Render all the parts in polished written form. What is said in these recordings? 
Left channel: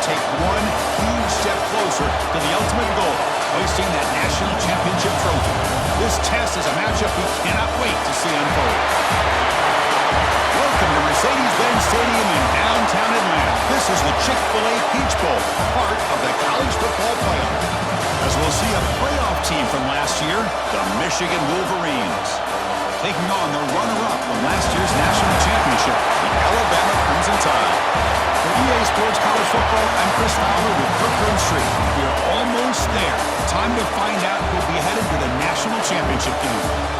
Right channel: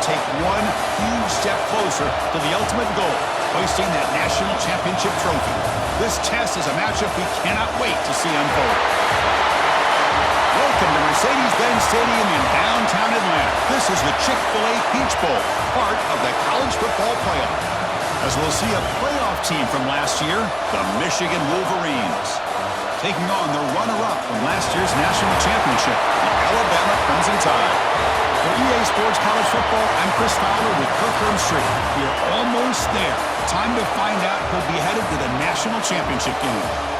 take one huge step closer to the ultimate goal, hoisting that national championship trophy. This test is a matchup we cannot wait to see unfold. Welcome to Mercedes-Benz Stadium in downtown Atlanta. This is the Chick-fil-A Peach Bowl, part of the college football playoff. As we'll see a playoff team from last year, the Michigan Wolverines, taking on the runner-up from last year's national championship, the Alabama Crimson Tide. For EA Sports College Football, I'm Chris Fowler with Kirk Herbstreit. We are almost there. Time to find out who'll be headed to the national championship game.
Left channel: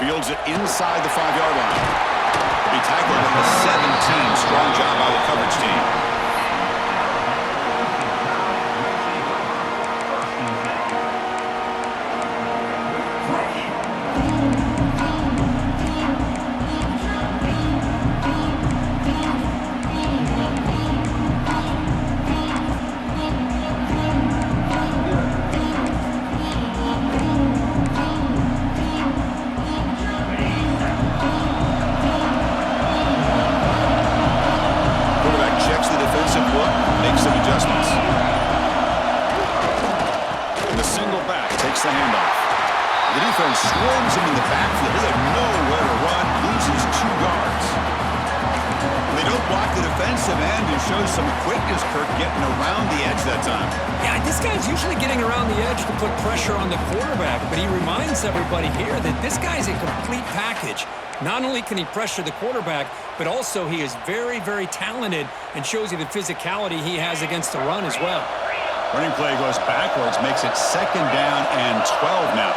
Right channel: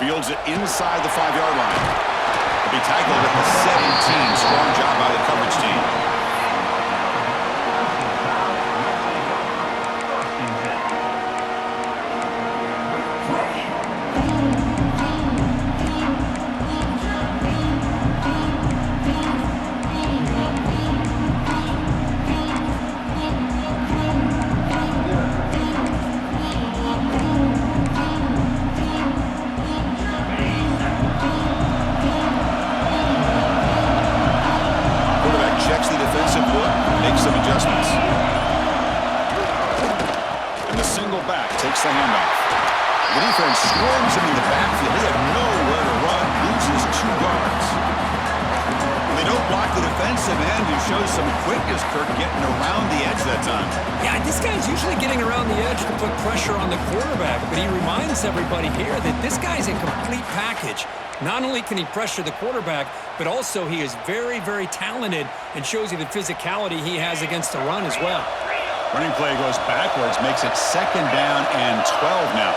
Fields it inside the 5-yard line. He'll be tackled at the 17. Strong job by the coverage team. Takes the handoff. The defense swarms him in the backfield. They have nowhere to run. Loses 2 yards. They don't block the defensive end and shows some quickness, Kirk, getting around the edge that time. Yeah, this guy's usually getting around the edge to put pressure on the quarterback, but he reminds everybody here that this guy's a complete package. Not only can he pressure the quarterback, but also he is very, very talented and shows you the physicality he has against the run as well. Running play goes backwards, makes it 2nd down and 12 now.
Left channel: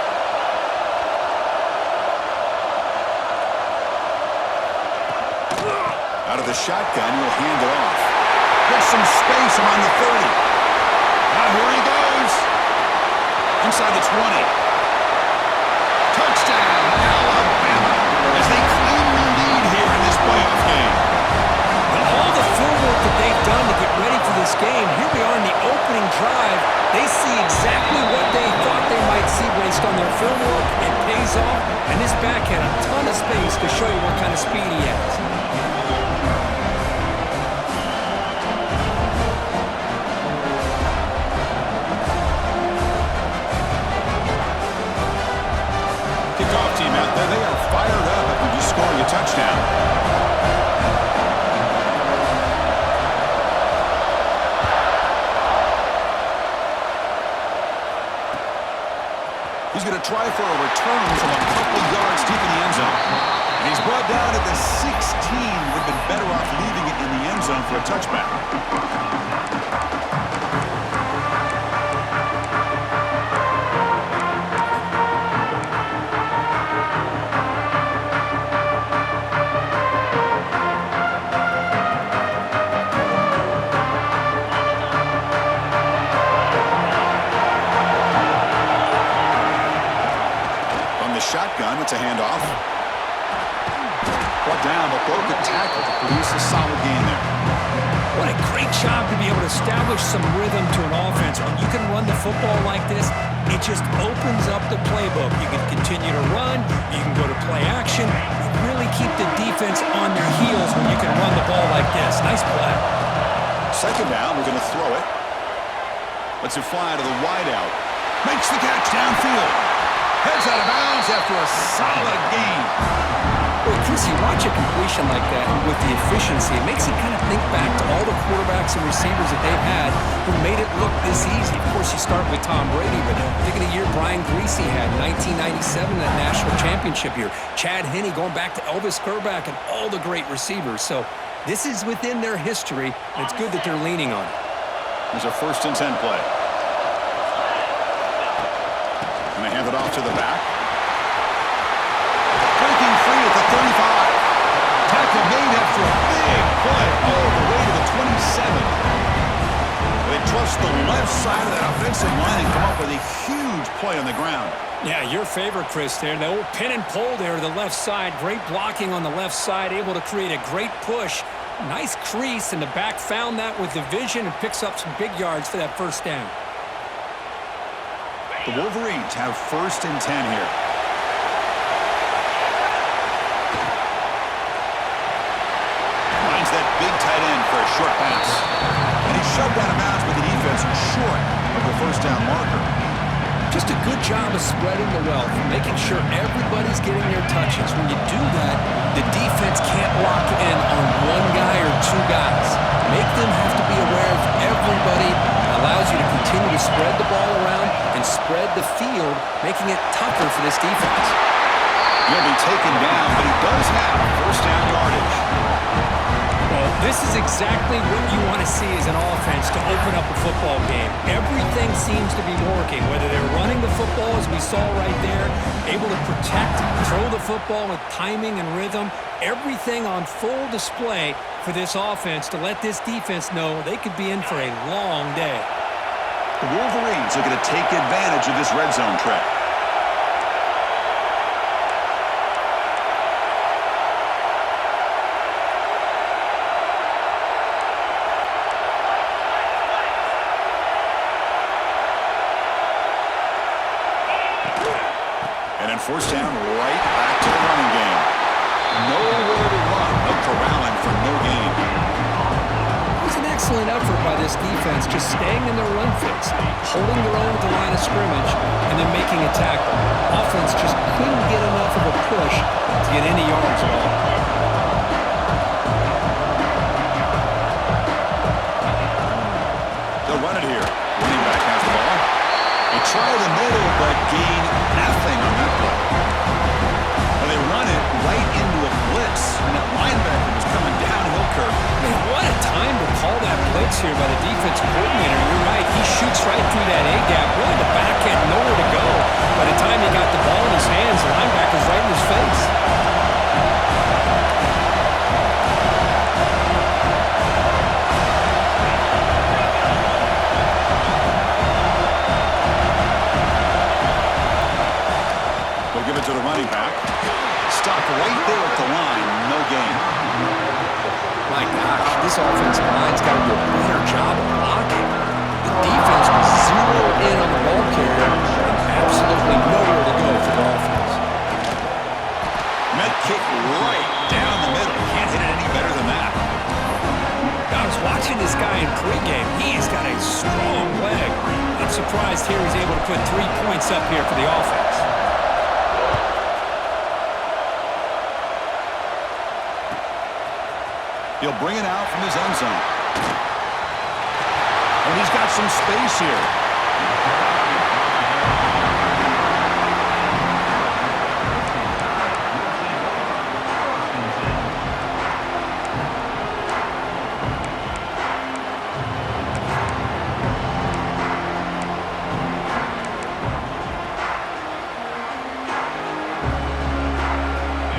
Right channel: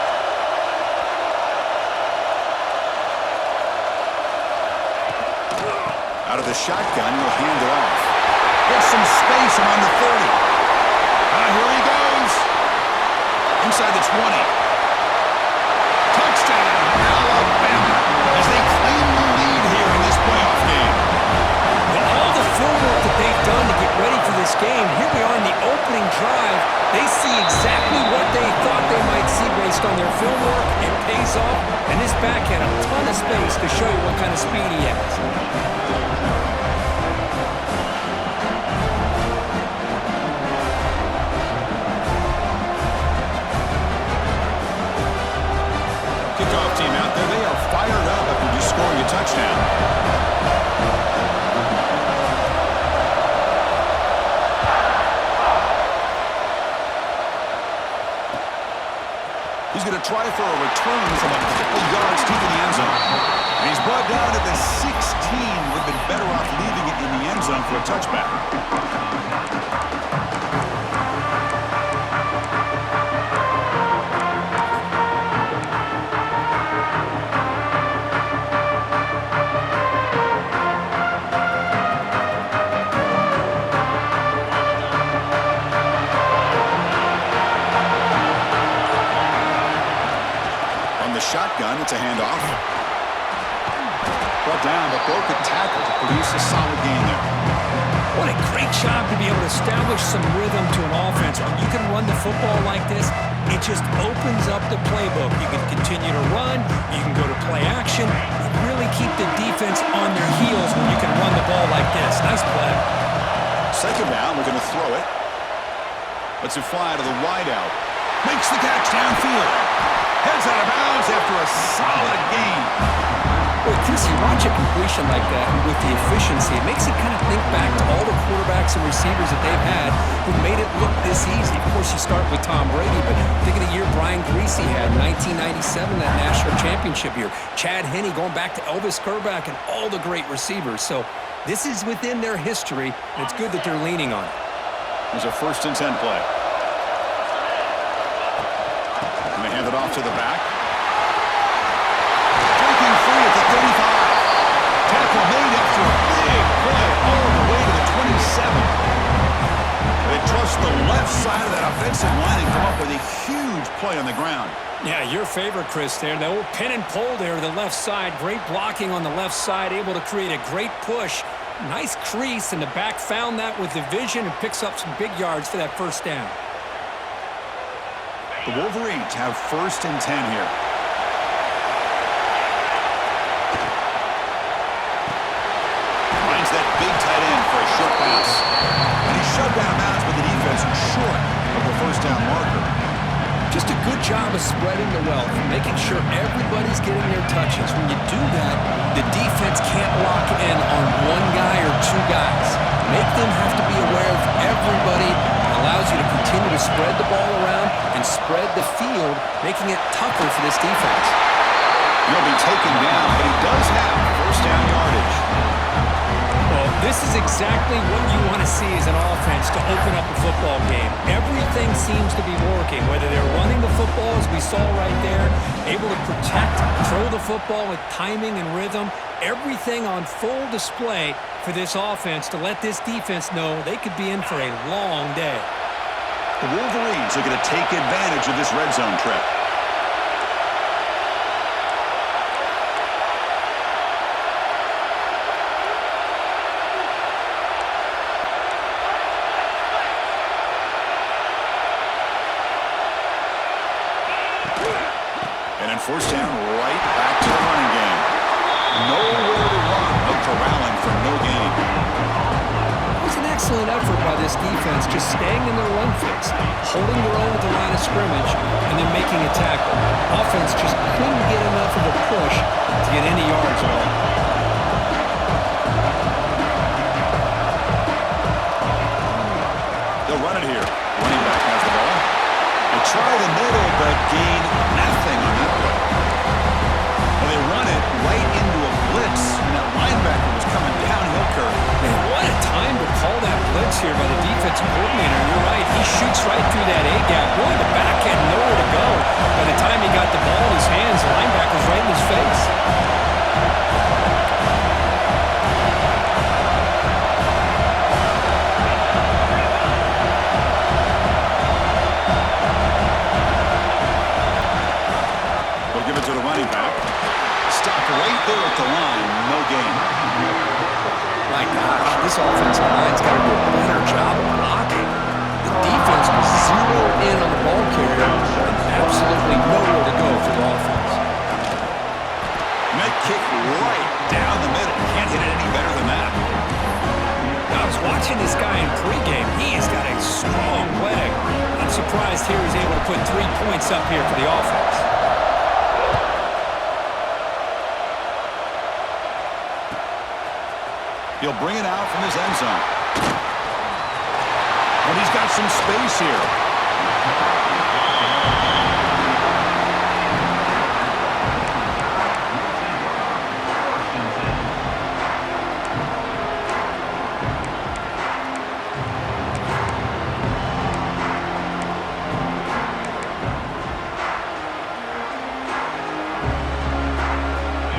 Out of the shotgun, he'll hand it off. Gets some space around the 30. Here he goes. Inside the 20. Touchdown, Alabama, as they claim the lead here in this playoff game. All the film work that they've done to get ready for this game, here we are in the opening drive. They see exactly what they thought they might see based on their film work. It pays off, and this back had a ton of space to show you what kind of speed he has. Kickoff team out there, they are fired up after just scoring a touchdown. He's going to try for a return from a couple yards deep in the end zone. And he's brought down at the 16. Would have been better off leaving it in the end zone for a touchback. Shotgun, it's a handoff. Brought down, but broke a tackle to produce a solid gain there. What a great job to be able to establish some rhythm to an offense. When you can run the football like this, it just opens up the playbook. You can continue to run, you can go to play action, and really keep the defense on their heels when you can run the ball like this. Nice play. 2nd down, we're going to throw it. Lets it fly to the wideout. Makes the catch downfield. Heads out of bounds after a solid gain. Well, Chris, you watch a completion like that with the efficiency, it makes you kind of think back to all the quarterbacks and receivers that they've had who made it look this easy. Of course, you start with Tom Brady, but think of the year Brian Griese had in 1997, that national championship year. Chad Henne going back to Elvis Grbac and all the great receivers. So this is within their history, and it's good that they're leaning on it. Here's a 1st and 10 play. And they hand it off to the back. Breaking free at the 35. Tackle made after They trust the left side of that offensive line and come up with a huge play on the ground. Yeah, your favorite, Chris, there. The old pin and pull there to the left side. Great blocking on the left side, able to create a great push. Nice crease, and the back found that with the vision and picks up some big yards for that first down. The Wolverines have 1st and 10 here. Finds that big tight end for a short pass. And he's shoved out of bounds with the defense short of the first down marker. Just a good job of spreading the wealth, making sure everybody's getting their touches. When you do that, the defense can't lock in on one guy or two guys. Make them have to be aware of everybody. It allows you to continue to spread the ball around and spread the field, making it tougher for this defense. He'll be taken down, but he does have first down yardage. Well, this is exactly what you want to see as an offense to open up a football game. Everything seems to be working, whether they're running the football, as we saw right there, able to protect, throw the football with timing and rhythm, everything on full display for this offense to let this defense know they could be in for a long day. The Wolverines are going to take advantage of this red zone trip. And then first down, right back to the running game. Nowhere to run. No corralling for no gain. It was an excellent effort by this defense, just staying in their run fix, holding their own at the line of scrimmage, and then making a tackle. Offense just couldn't get enough of a push to get any yards at all. They'll run it here. Running back has the ball. They try the middle, but gain nothing on that play. Well, they run it right into a blitz, and that linebacker was coming downhill, Kirk. Man, what a time to call that blitz here by the defensive coordinator. You're right. He shoots right through that A-gap. Really, the back had nowhere to go. By the time he got the ball in his hands, the linebacker's right in his face. Give it to the running back. Stop right there at the line. No gain. My gosh, this offensive line's got to do a better job of blocking. The defense was zeroed in on the ball carrier and absolutely nowhere to go for the offense. Met kick right down the middle. Can't hit it any better than that. I was watching this guy in pregame. He has got a strong leg. I'm surprised here he's able to put 3 points up here for the offense. He'll bring it out from his end zone. And he's got some space here.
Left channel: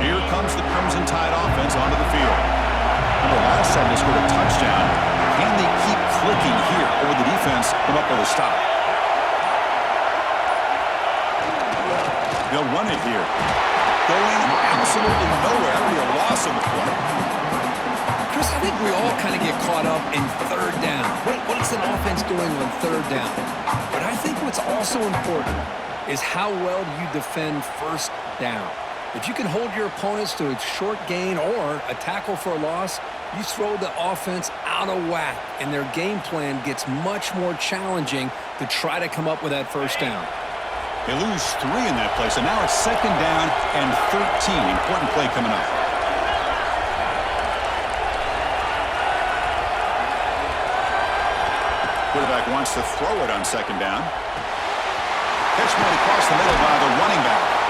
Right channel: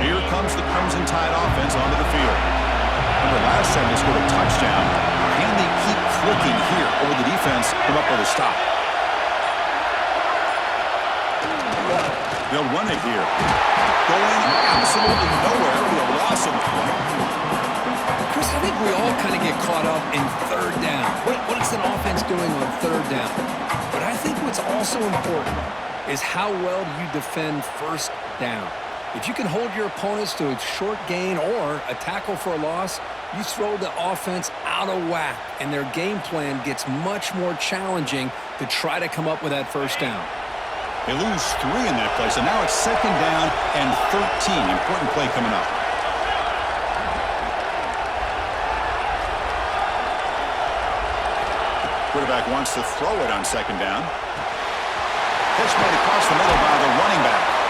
Here comes the Crimson Tide offense onto the field. Remember, last time they scored a touchdown. Can they keep clicking here, or will the defense come up with a stop? They'll run it here. Going absolutely nowhere. That'll be a loss on the play. Chris, I think we all kind of get caught up in third down. What's an offense doing on third down? But I think what's also important is how well do you defend first down. If you can hold your opponents to a short gain or a tackle for a loss, you throw the offense out of whack, and their game plan gets much more challenging to try to come up with that first down. They lose 3 in that play, so now it's second down and 13. Important play coming up. Quarterback wants to throw it on second down. Catch made across the middle by the running back.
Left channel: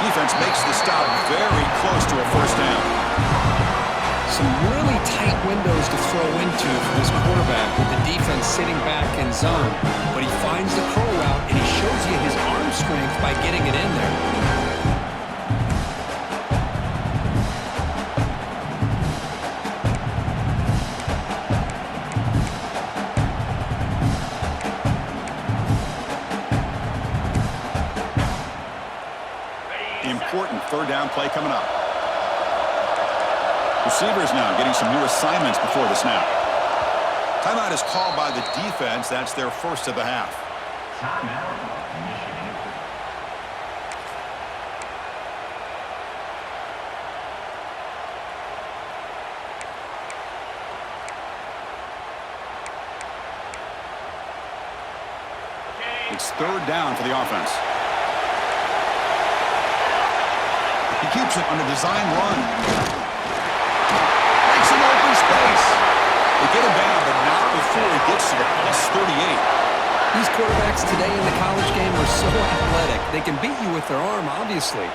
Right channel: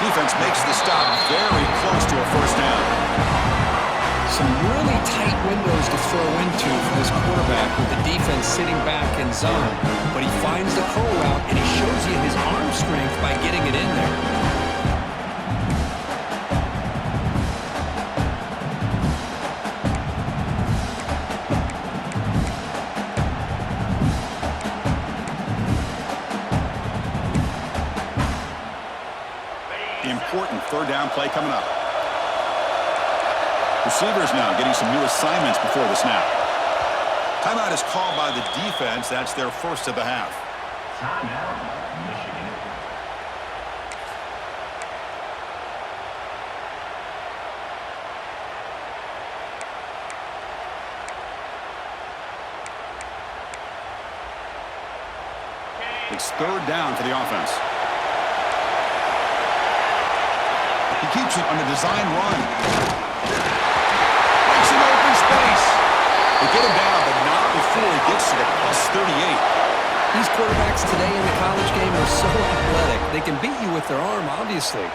Defense makes the stop very close to a first down. Some really tight windows to throw into for this quarterback with the defense sitting back in zone. But he finds the curl route, and he shows you his arm strength by getting it in there. third down play coming up. Receivers now getting some new assignments before the snap. Timeout is called by the defense. That's their first of the half. Timeout, Michigan. It's third down for the offense. He keeps it on a design run. Breaks an open space. They get him down, but not before he gets to the plus 38. These quarterbacks today in the college game are so athletic. They can beat you with their arm, obviously.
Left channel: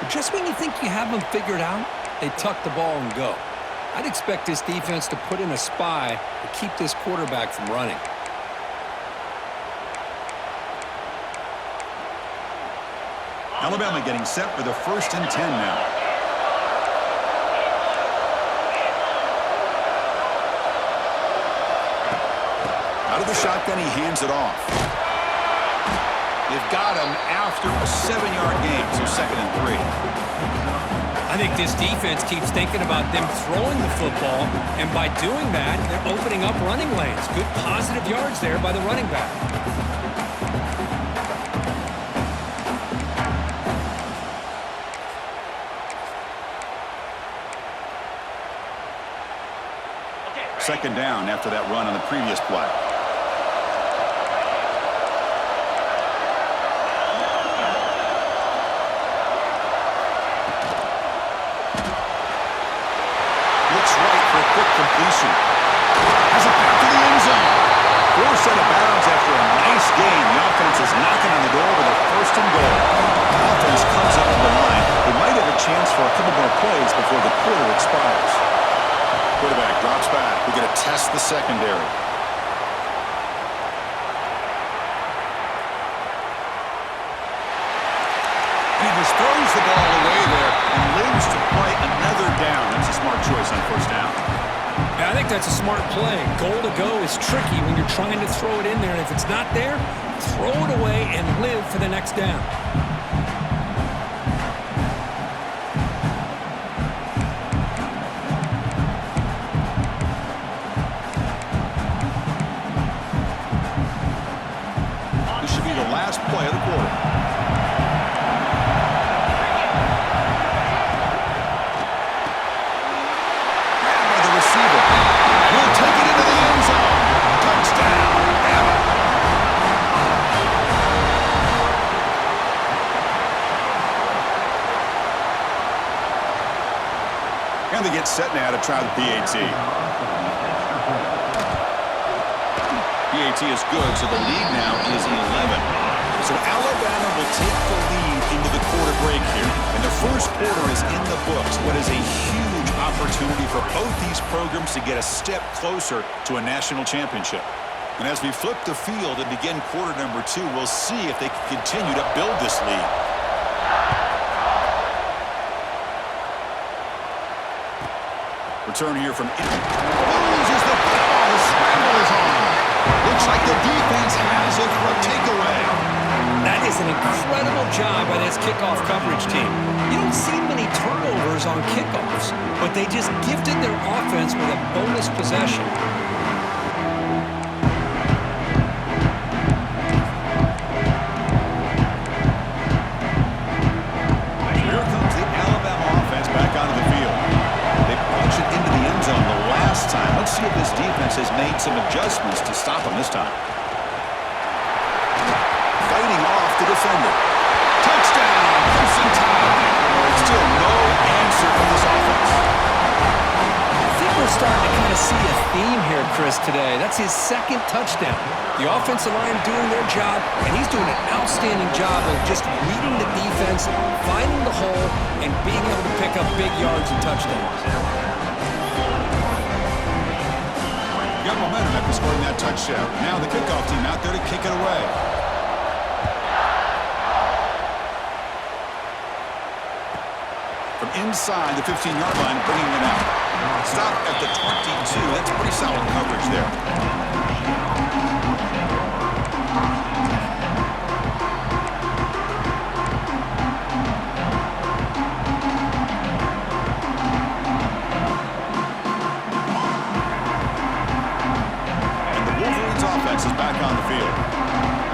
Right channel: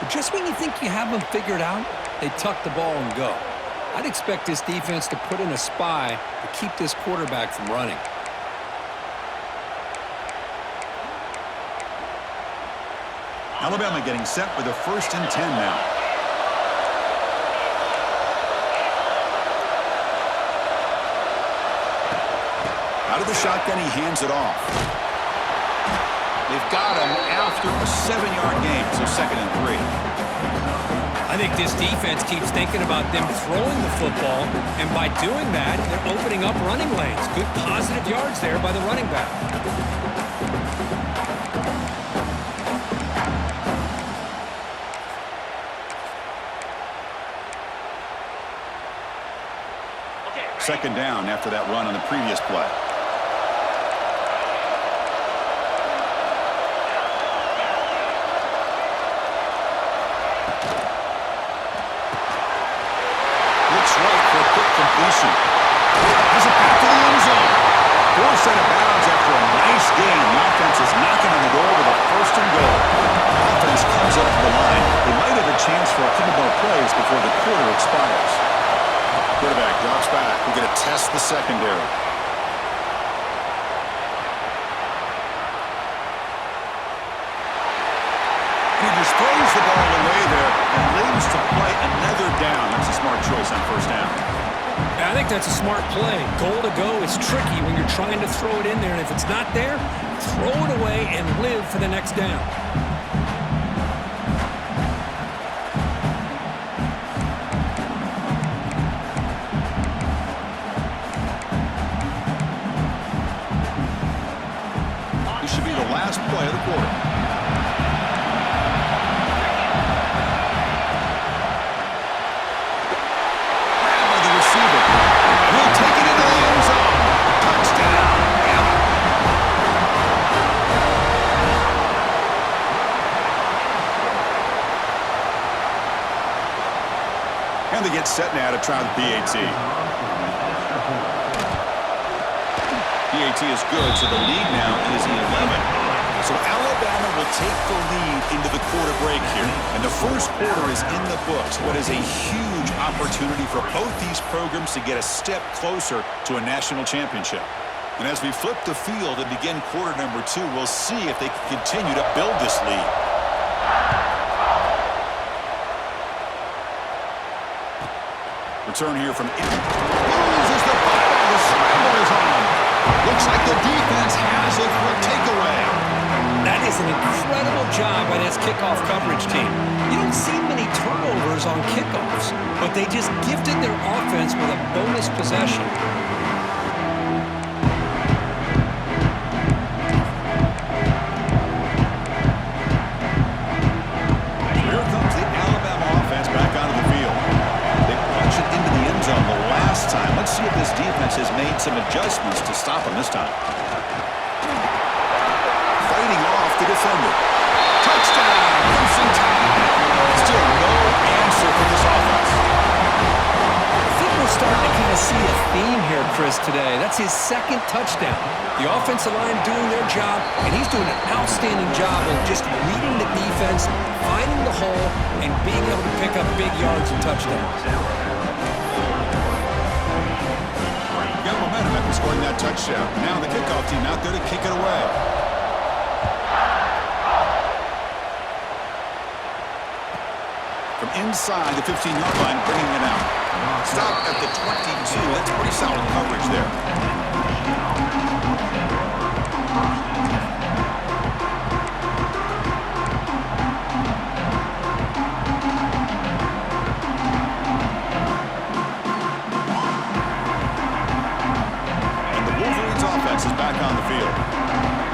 But just when you think you have them figured out, they tuck the ball and go. I'd expect this defense to put in a spy to keep this quarterback from running. Alabama getting set for the 1st and 10 now. Out of the shotgun, he hands it off. They've got him after a 7-yard gain, so 2nd and 3. I think this defense keeps thinking about them throwing the football, and by doing that, they're opening up running lanes. Good positive yards there by the running back. Second down after that run on the previous play. Looks right for a quick completion. Has it back to the end zone. Forced out of bounds after a nice gain. The offense is knocking on the door with a 1st and goal. Offense comes up to the line. They might have a chance for a couple more plays before the quarter expires. Quarterback drops back. We're going to test the secondary. And he just throws the ball away there and lives to play another down. That's a smart choice on 1st down. Yeah, I think that's a smart play. Goal to go is tricky when you're trying to throw it in there, and if it's not there, throw it away and live for the next down. This should be the last play of the quarter. Grabbed by the receiver. And he'll take it into the end zone. Touchdown, Bama. And they get set now to try the PAT. PAT is good, so the lead now is 11. So Alabama will take the lead into the quarter break here. And the first quarter is in the books. What is a huge opportunity for both these programs to get a step closer to a national championship. And as we flip the field and begin quarter number 2, we'll see if they can continue to build this lead. Return here from loses the football. The scramble is on. Looks like the defense has it for a takeaway. That is an incredible job by this kickoff coverage team. You don't see many turnovers on kickoffs, but they just gifted their offense with a bonus possession. Here comes the Alabama offense back onto the field. They punched it into the end zone the last time. Let's see if this defense has made some adjustments to stop them this time. Fighting off the defender. Touchdown, Crimson Tide. Still no answer from this offense. I think we're starting to kind of see a theme here, Chris, today. That's his 2nd touchdown. The offensive line doing their job, and he's doing an outstanding job of just reading the defense, finding the hole, and being able to pick up big yards and touchdowns. Got momentum after scoring that touchdown. Now the kickoff team out there to kick it away. From inside the 15-yard line, bringing it out. Stop at the 22. That's pretty solid coverage there.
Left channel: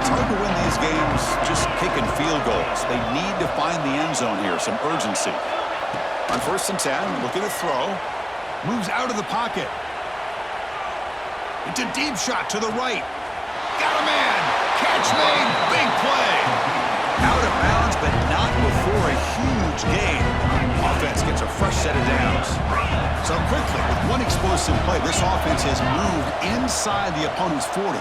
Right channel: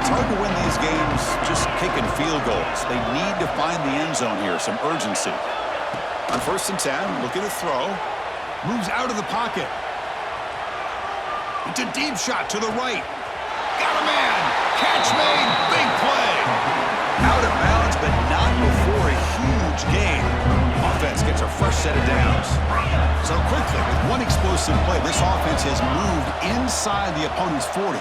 It's hard to win these games just kicking field goals. They need to find the end zone here, some urgency. On 1st and 10, looking to throw. Moves out of the pocket. It's a deep shot to the right. Got a man. Catch made. Big play. Out of bounds, but not before a huge gain. Offense gets a fresh set of downs. So quickly, with one explosive play, this offense has moved inside the opponent's 40.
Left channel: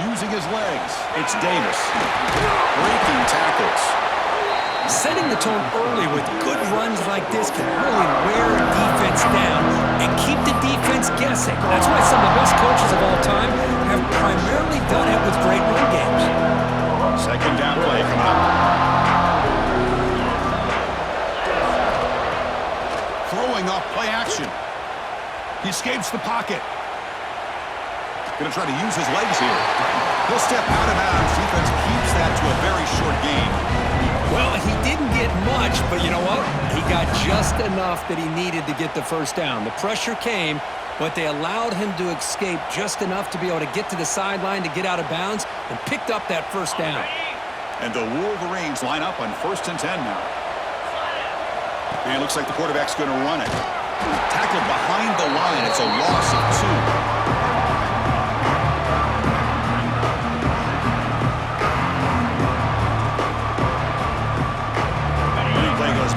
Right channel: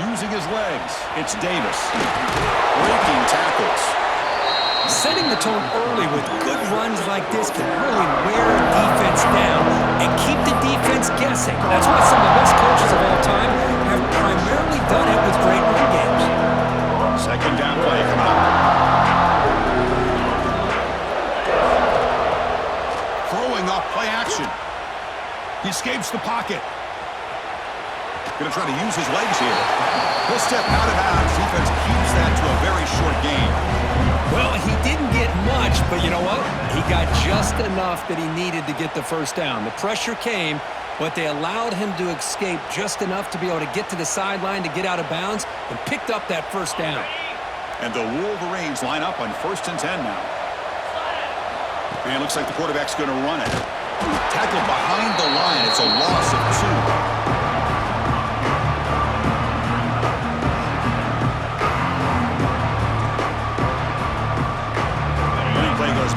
Using his legs, it's Davis. Breaking tackles. Setting the tone early with good runs like this can really wear a defense down and keep the defense guessing. That's why some of the best coaches of all time have primarily done it with great run games. 2nd down play coming up. Throwing off play action. He escapes the pocket. Going to try to use his legs here. He'll step out of bounds. Defense keeps that to a very short gain. Well, he didn't get much, but you know what? He got just enough that he needed to get the first down. The pressure came, but they allowed him to escape just enough to be able to get to the sideline to get out of bounds and picked up that first down. And the Wolverines line up on 1st and 10 now. And it looks like the quarterback's going to run it. Tackled behind the line. It's a loss of 2.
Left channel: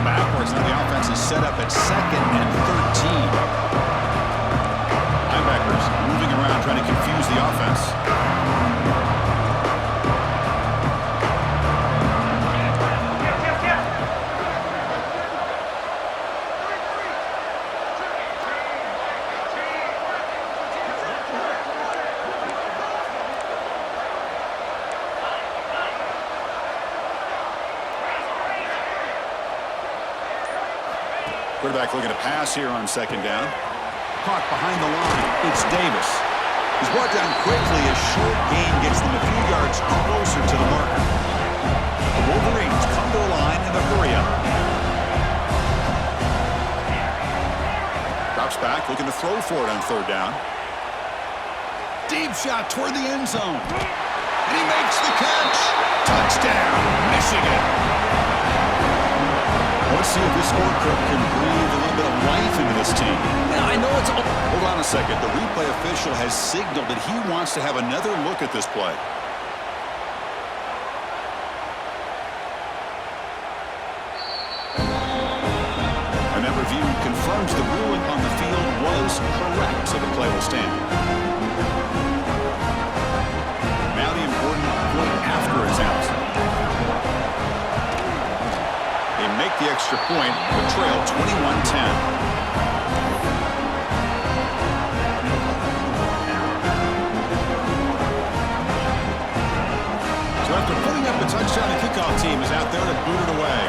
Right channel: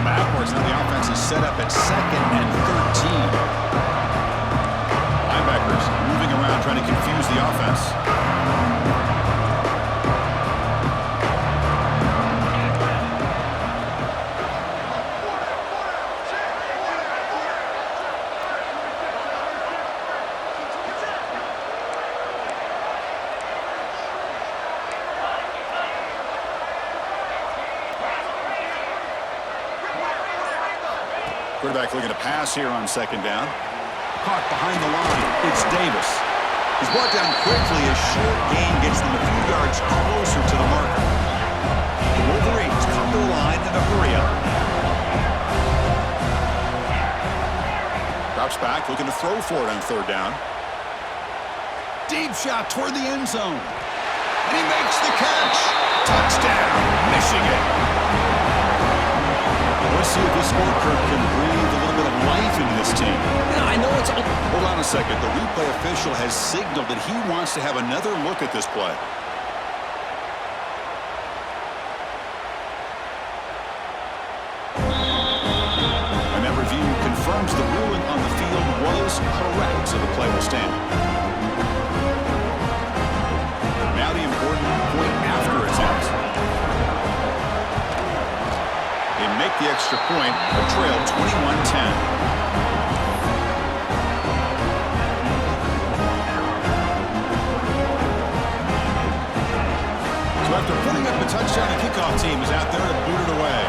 Backwards, now the offense is set up at 2nd and 13. Linebackers moving around trying to confuse the offense. Quarterback looking to pass here on 2nd down. Caught behind the line. It's Davis. He's brought down quickly. A short gain gets them a few yards closer to the marker. The Wolverines come to the line in a hurry up. Drops back, looking to throw for it on 3rd down. Deep shot toward the end zone. And he makes the catch. Touchdown, Michigan. Let's see if this scorecard can breathe a little bit of life into this team. Yeah, I know it's... Hold on a second. The replay official has signaled that he wants to have another look at this play. And that review confirms the ruling on the field was correct, so the play will stand. Now the important point after attempt. They make the extra point, but trail 21-10. So after putting up a touchdown, the kickoff team is out there to boot it away.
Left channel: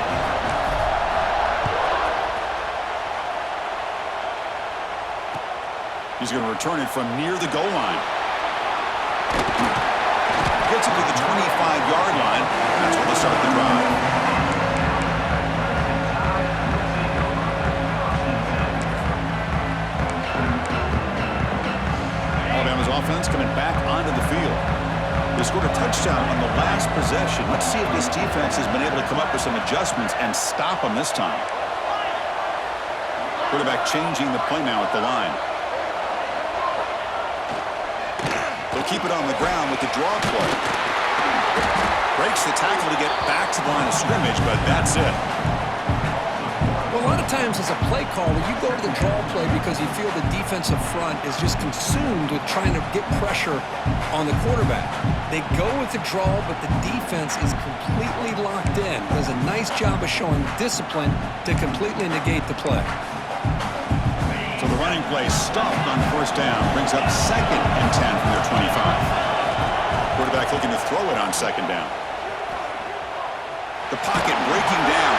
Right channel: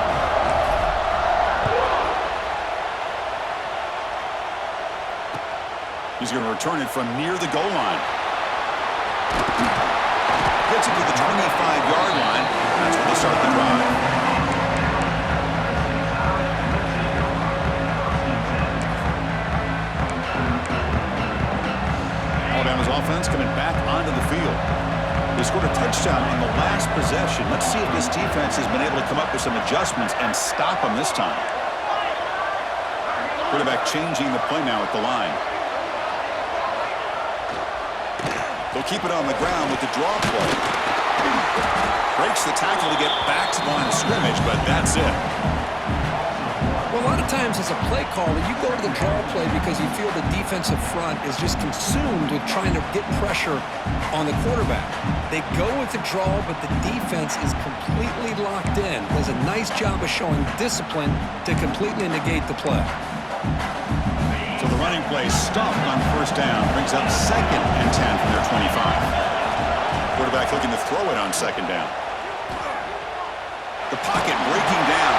He's going to return it from near the goal line. Gets it to the 25-yard line. That's where they'll start the drive. Alabama's offense coming back onto the field. They scored a touchdown on the last possession. Let's see if this defense has been able to come up with some adjustments and stop them this time. Quarterback changing the play now at the line. They'll keep it on the ground with the draw play. Breaks the tackle to get back to the line of scrimmage, but that's it. Well, a lot of times as a play caller, you go to the draw play because you feel the defensive front is just consumed with trying to get pressure on the quarterback. They go with the draw, but the defense is completely locked in. Does a nice job of showing discipline to completely negate the play. So the running play stuffed on 1st down, brings up 2nd and 10 from their 25. Quarterback looking to throw it on 2nd down. The pocket breaking down.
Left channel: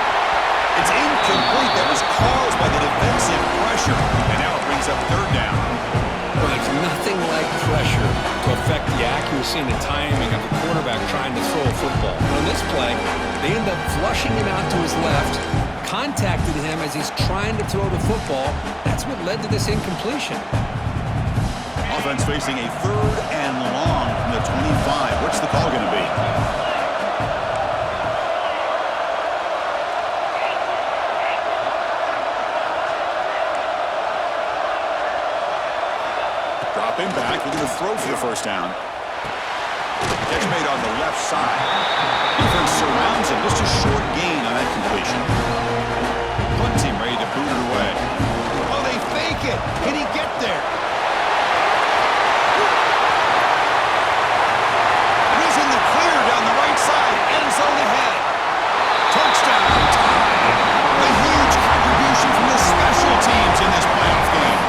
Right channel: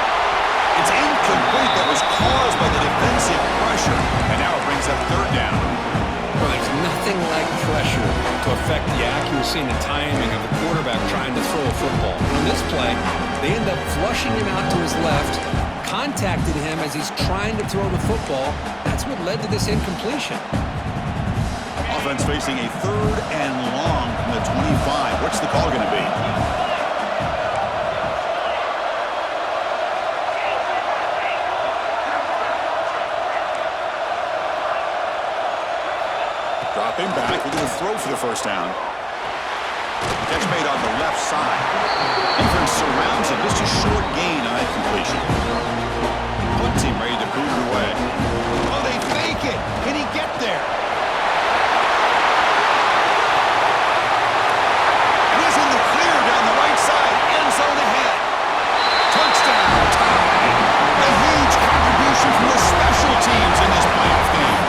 It's incomplete. That was caused by the defensive pressure. And now it brings up 3rd down. Well, there's nothing like pressure to affect the accuracy and the timing of the quarterback trying to throw a football. And on this play, they end up flushing him out to his left, contacted him as he's trying to throw the football. That's what led to this incompletion. Offense facing a 3rd and long from the 25. What's the call going to be? Dropping back, looking to throw for the first down. Catch made on the left side. Defense surrounds him. Just a short gain on that completion. Punt team ready to boot it away. Oh, they fake it. Can he get there? And he's in the clear down the right side. End zone ahead. Touchdown, tied. A huge contribution from the special teams in this playoff game.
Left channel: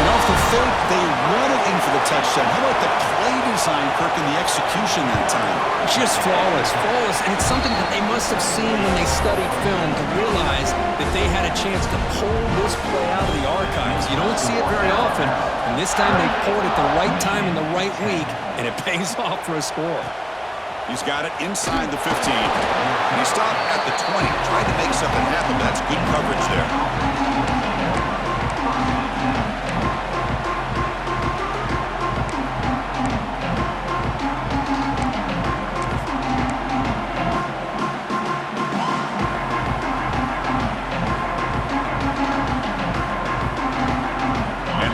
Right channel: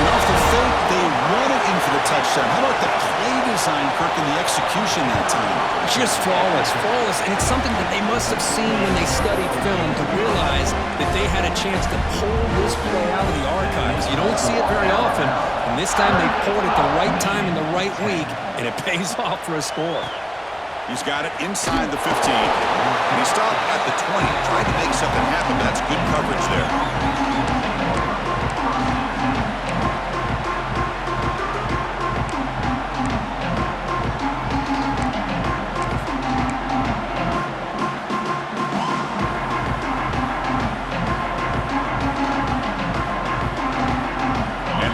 And off the fake, they run it in for the touchdown. How about the play design, Kirk, and the execution that time? Just flawless, flawless. And it's something that they must have seen when they studied film to realize that they had a chance to pull this play out of the archives. You don't see it very often, and this time they pulled it at the right time in the right week, and it pays off for a score. He's got it inside the 15. And he stopped at the 20. Tried to make something happen, but that's good coverage there.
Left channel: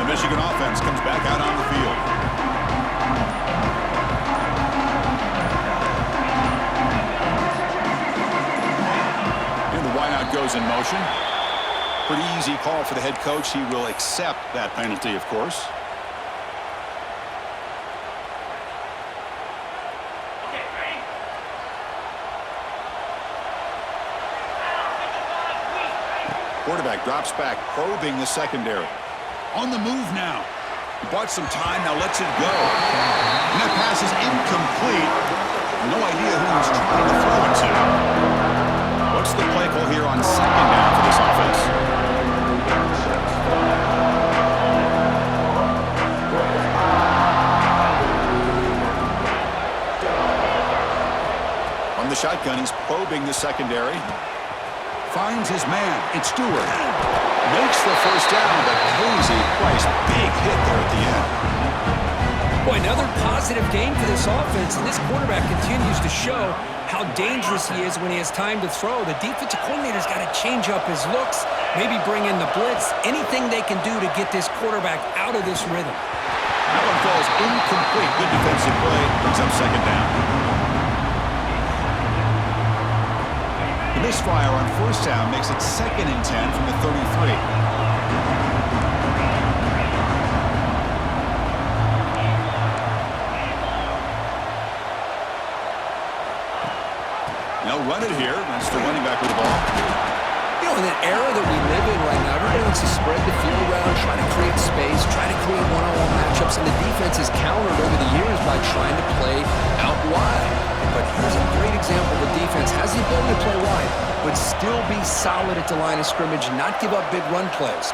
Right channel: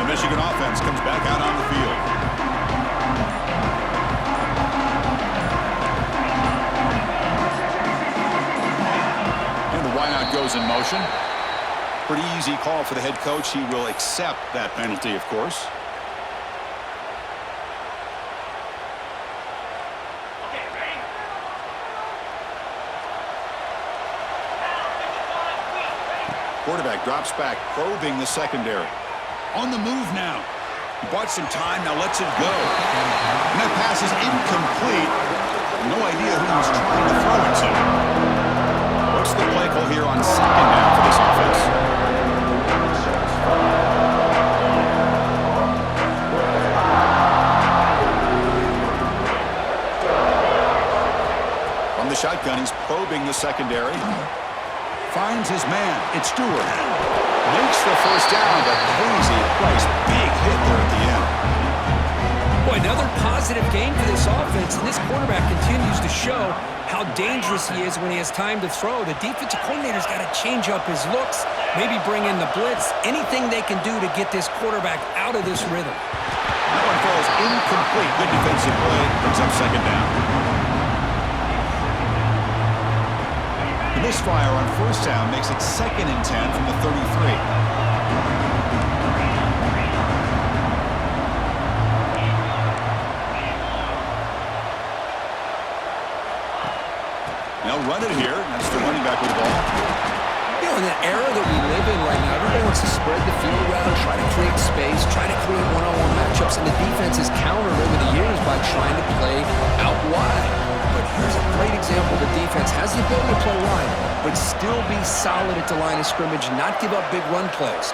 Michigan offense comes back out on the field. And the wideout goes in motion. Pretty easy call for the head coach. He will accept that penalty, of course. Okay, ready? Quarterback drops back, probing the secondary. On the move now. He bought some time, now lets it go. And that pass is incomplete. No idea who he was trying to throw it to. What's the play call here on 2nd down for this offense? From the shotgun, he's probing the secondary. Finds his man. It's Stewart. Makes the first down, but pays a price. Big hit there at the end. Boy, another positive game for this offense, and this quarterback continues to show how dangerous he is when he has time to throw. The defensive coordinator's got to change up his looks, maybe bring in the blitz, anything they can do to get this quarterback out of this rhythm. That one falls incomplete. Good defensive play. Brings up 2nd down. The misfire on 1st down makes it 2nd and 10 from the 33. They'll run it here. That's the running back with the ball. You know, in that era that we live in right now, everybody wants to spread the field around, try to create space, try to create one-on-one matchups, and the defense has countered over the years by trying to play out wide. But here's a great example. The defense has the ability to play wide, but still be solid at the line of scrimmage, not give up big run plays.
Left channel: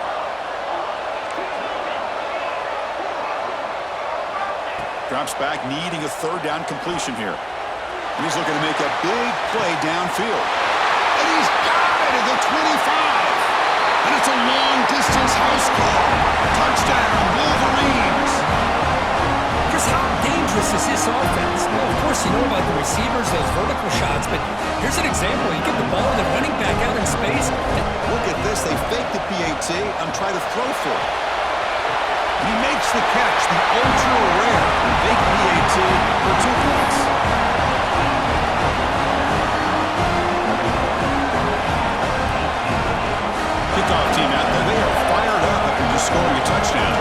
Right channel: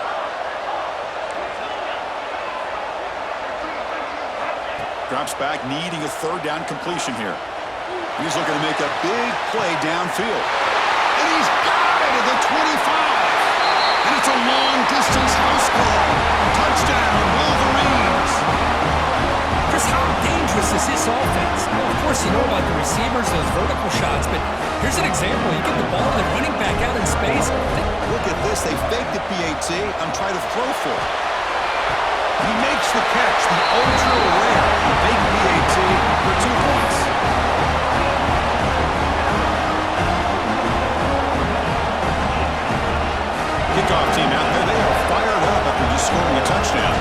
Drops back, needing a 3rd down completion here. And he's looking to make a big play downfield. And he's got it at the 25. And it's a long-distance house call. Touchdown, Wolverines. Chris, how dangerous is this offense? Well, of course, you know about the receivers, those vertical shots, but here's an example. You get the ball to the running back out in space. Look at this. They fake the PAT and try to throw for it. He makes the catch, the ultra-rare fake PAT for 2 points. Kickoff team out there. They are fired up after just scoring a touchdown.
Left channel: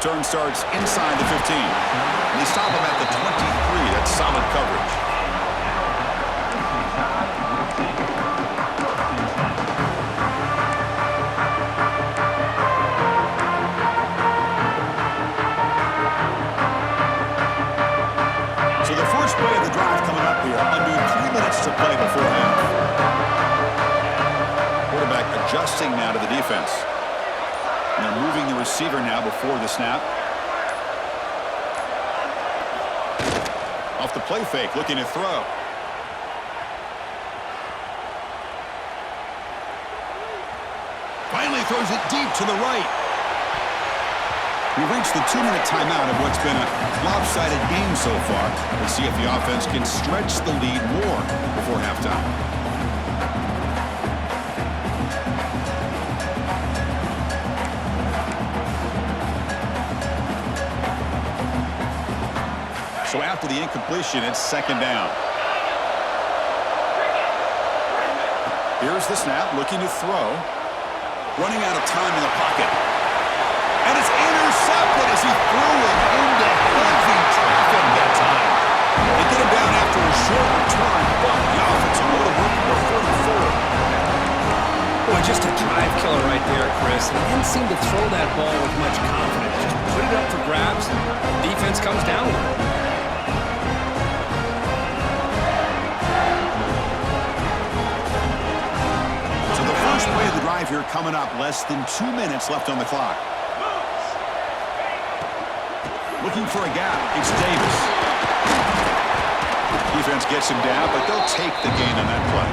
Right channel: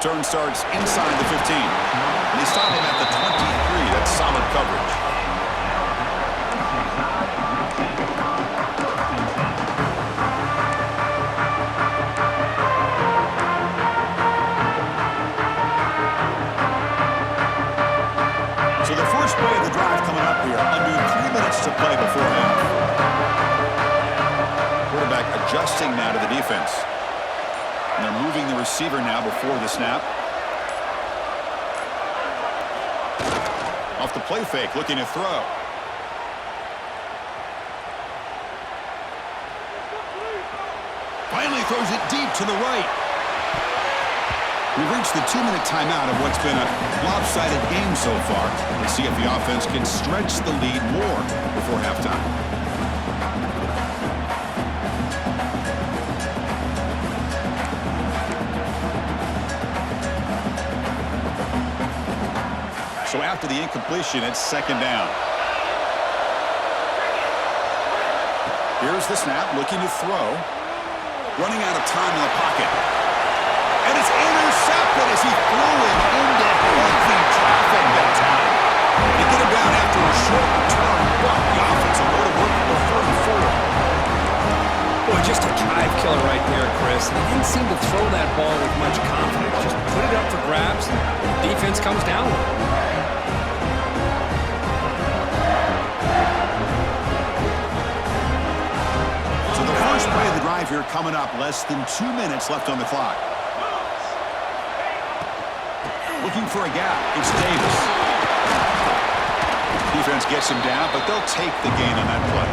Turn starts inside the 15. And they stop him at the 23. That's solid coverage. So the first play of the drive coming up here. Under 3 minutes to play before half. Quarterback adjusting now to the defense. And they're moving the receiver now before the snap. Off the play fake, looking to throw. Finally throws it deep to the right. We've reached the 2-minute timeout of what's been a lopsided game so far. Let's see if the offense can stretch the lead more before halftime. So after the incompletion, it's second down. Here's the snap, looking to throw. Running out of time in the pocket. And it's intercepted as he threw it into heavy traffic that time. They get him down after a short return, but the offensive load of work for 44. Boy, just a drive killer right there, Chris. And he didn't seem to throw that ball with much confidence. Just put it up for grabs, and the defense comes down with it. So the first play of the drive here coming up, less than 2 minutes left on the clock. Looking for a gap, it's Davis. Defense gets him down, but they'll take the gain on that play.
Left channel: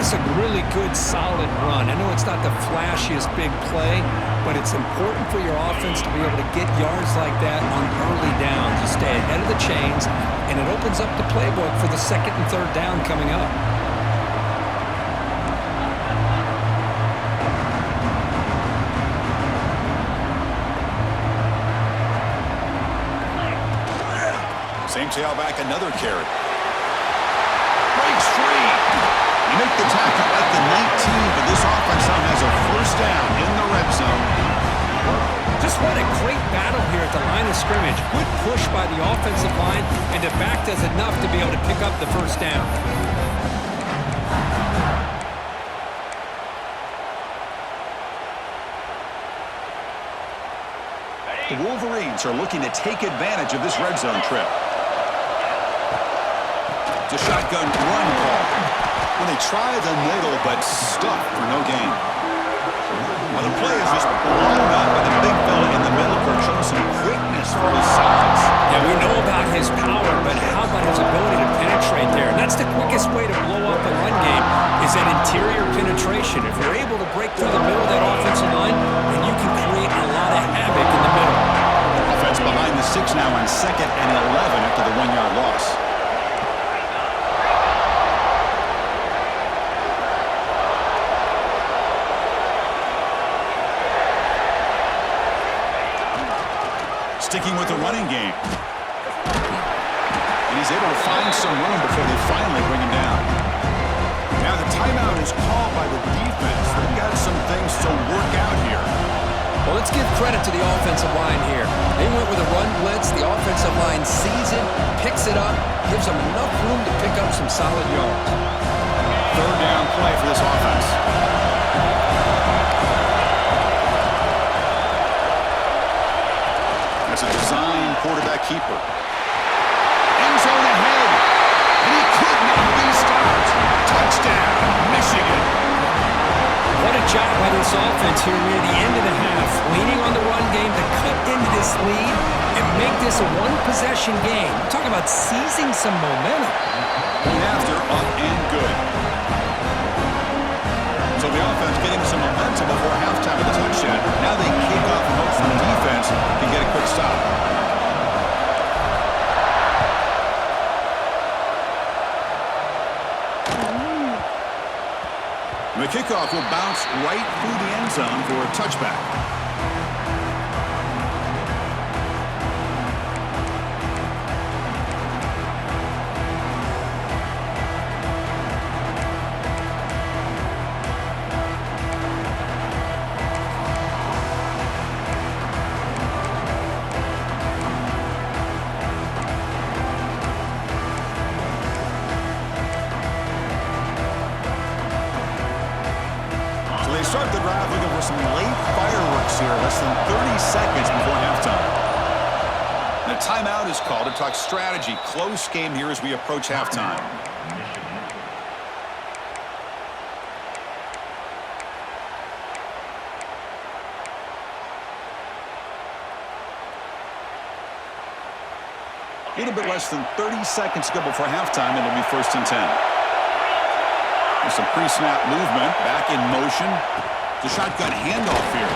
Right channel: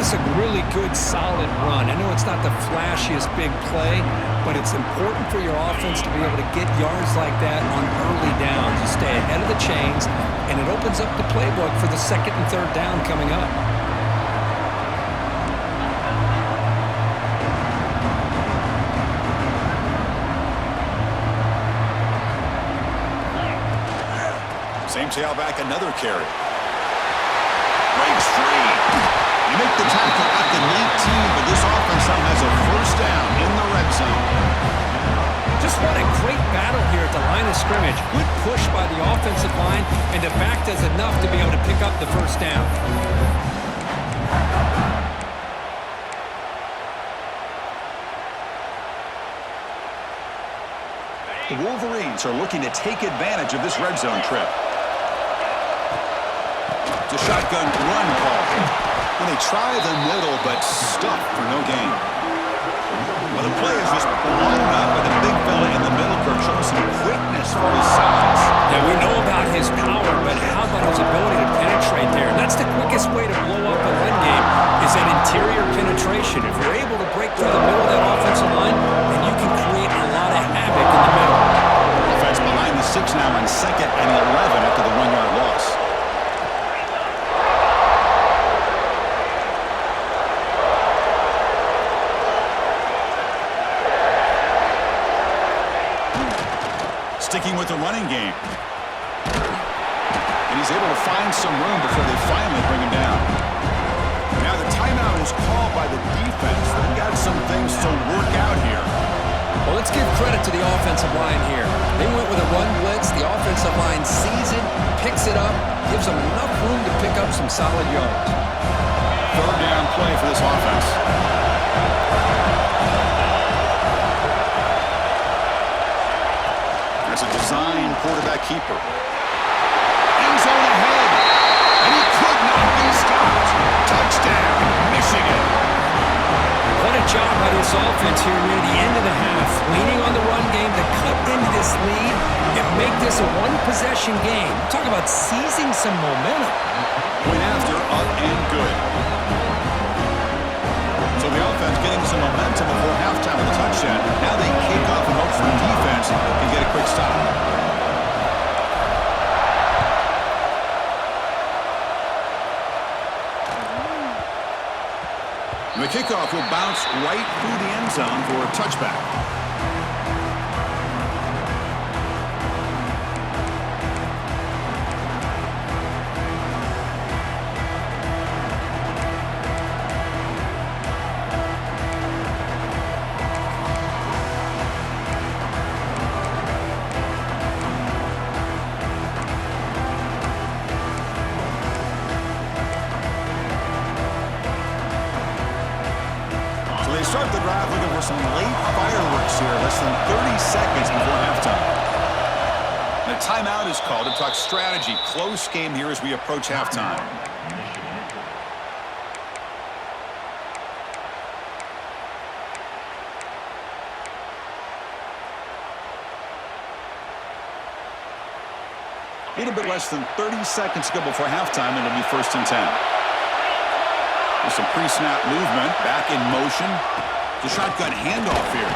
It's a really good, solid run. I know it's not the flashiest big play, but it's important for your offense to be able to get yards like that on early downs. You stay ahead of the chains, and it opens up the playbook for the second and third down coming up. Same tailback, another carry. Breaks free. You make the tackle at the 19, but this offense now has a first down in the red zone. Just what a great battle here at the line of scrimmage. Good push by the offensive line, and the back does enough to be able to pick up the first down. The Wolverines are looking to take advantage of this red zone trip. It's a shotgun run call. Well, they try the middle, but stuck for no gain. Well, the play is just blown up by the big fella in the middle. Kirk showing some quickness for his size. Yeah, we know about his power, but how about his ability to penetrate there? And that's the quickest way to blow up a run game, is that interior penetration. If you're able to break through the middle of that offensive line, then you can create a lot of havoc in the middle. Offense behind the 6 now on 2nd and 11 after the 1-yard loss. Sticking with the running game. And he's able to find some room before they finally bring him down. Now the timeout is called by the defense. They've got some things to work out here. Well, let's give credit to the offensive line here. They went with a run blitz. The offensive line sees it, picks it up, gives them enough room to pick up some solid yards. Third down play for this offense. That's a design quarterback keeper. End zone ahead, and he could not be stopped. Touchdown, Michigan. What a job by this offense here near the end of the half. Leaning on the run game to cut into this lead and make this a one-possession game. Talk about seizing some momentum. Point after, up and good. So the offense getting some momentum before halftime with a touchdown. Now they kick off and hope for defense can get a quick stop. The kickoff will bounce right through the end zone for a touchback. They start the drive looking for some late fireworks here, less than 30 seconds before halftime. And a timeout is called to talk strategy. Close game here as we approach halftime. little bit less than 30 seconds to go before halftime, and it'll be 1st and 10. There's some pre-snap movement, back in motion. The shotgun handoff here.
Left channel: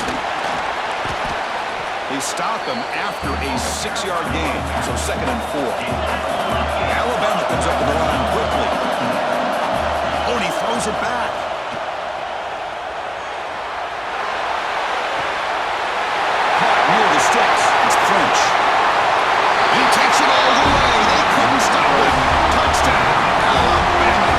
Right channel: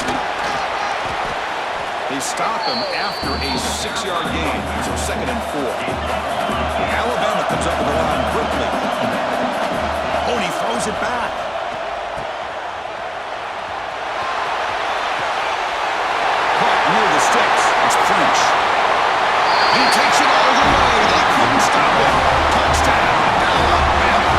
They stop him after a 6-yard gain, so 2nd and 4. Alabama comes up with the line quickly. Oh, and he throws it back. Caught near the sticks. It's French. And he takes it all the way. They couldn't stop him. Touchdown, Alabama.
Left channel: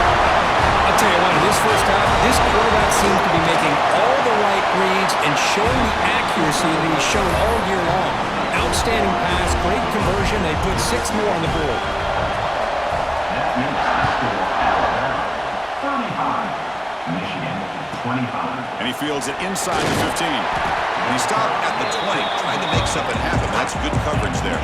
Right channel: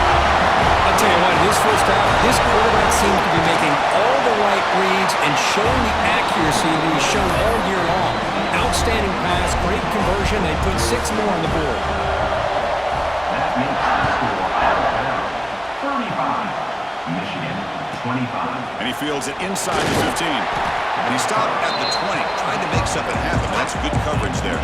I'll tell you what, in this first half, this quarterback seems to be making all the right reads and showing the accuracy that he's shown all year long. Outstanding pass, great conversion. They put 6 more on the board. That makes the score Alabama 35, Michigan 25. And he fields it inside the 15. And he stopped at the 20, trying to make something happen, but that's good coverage there.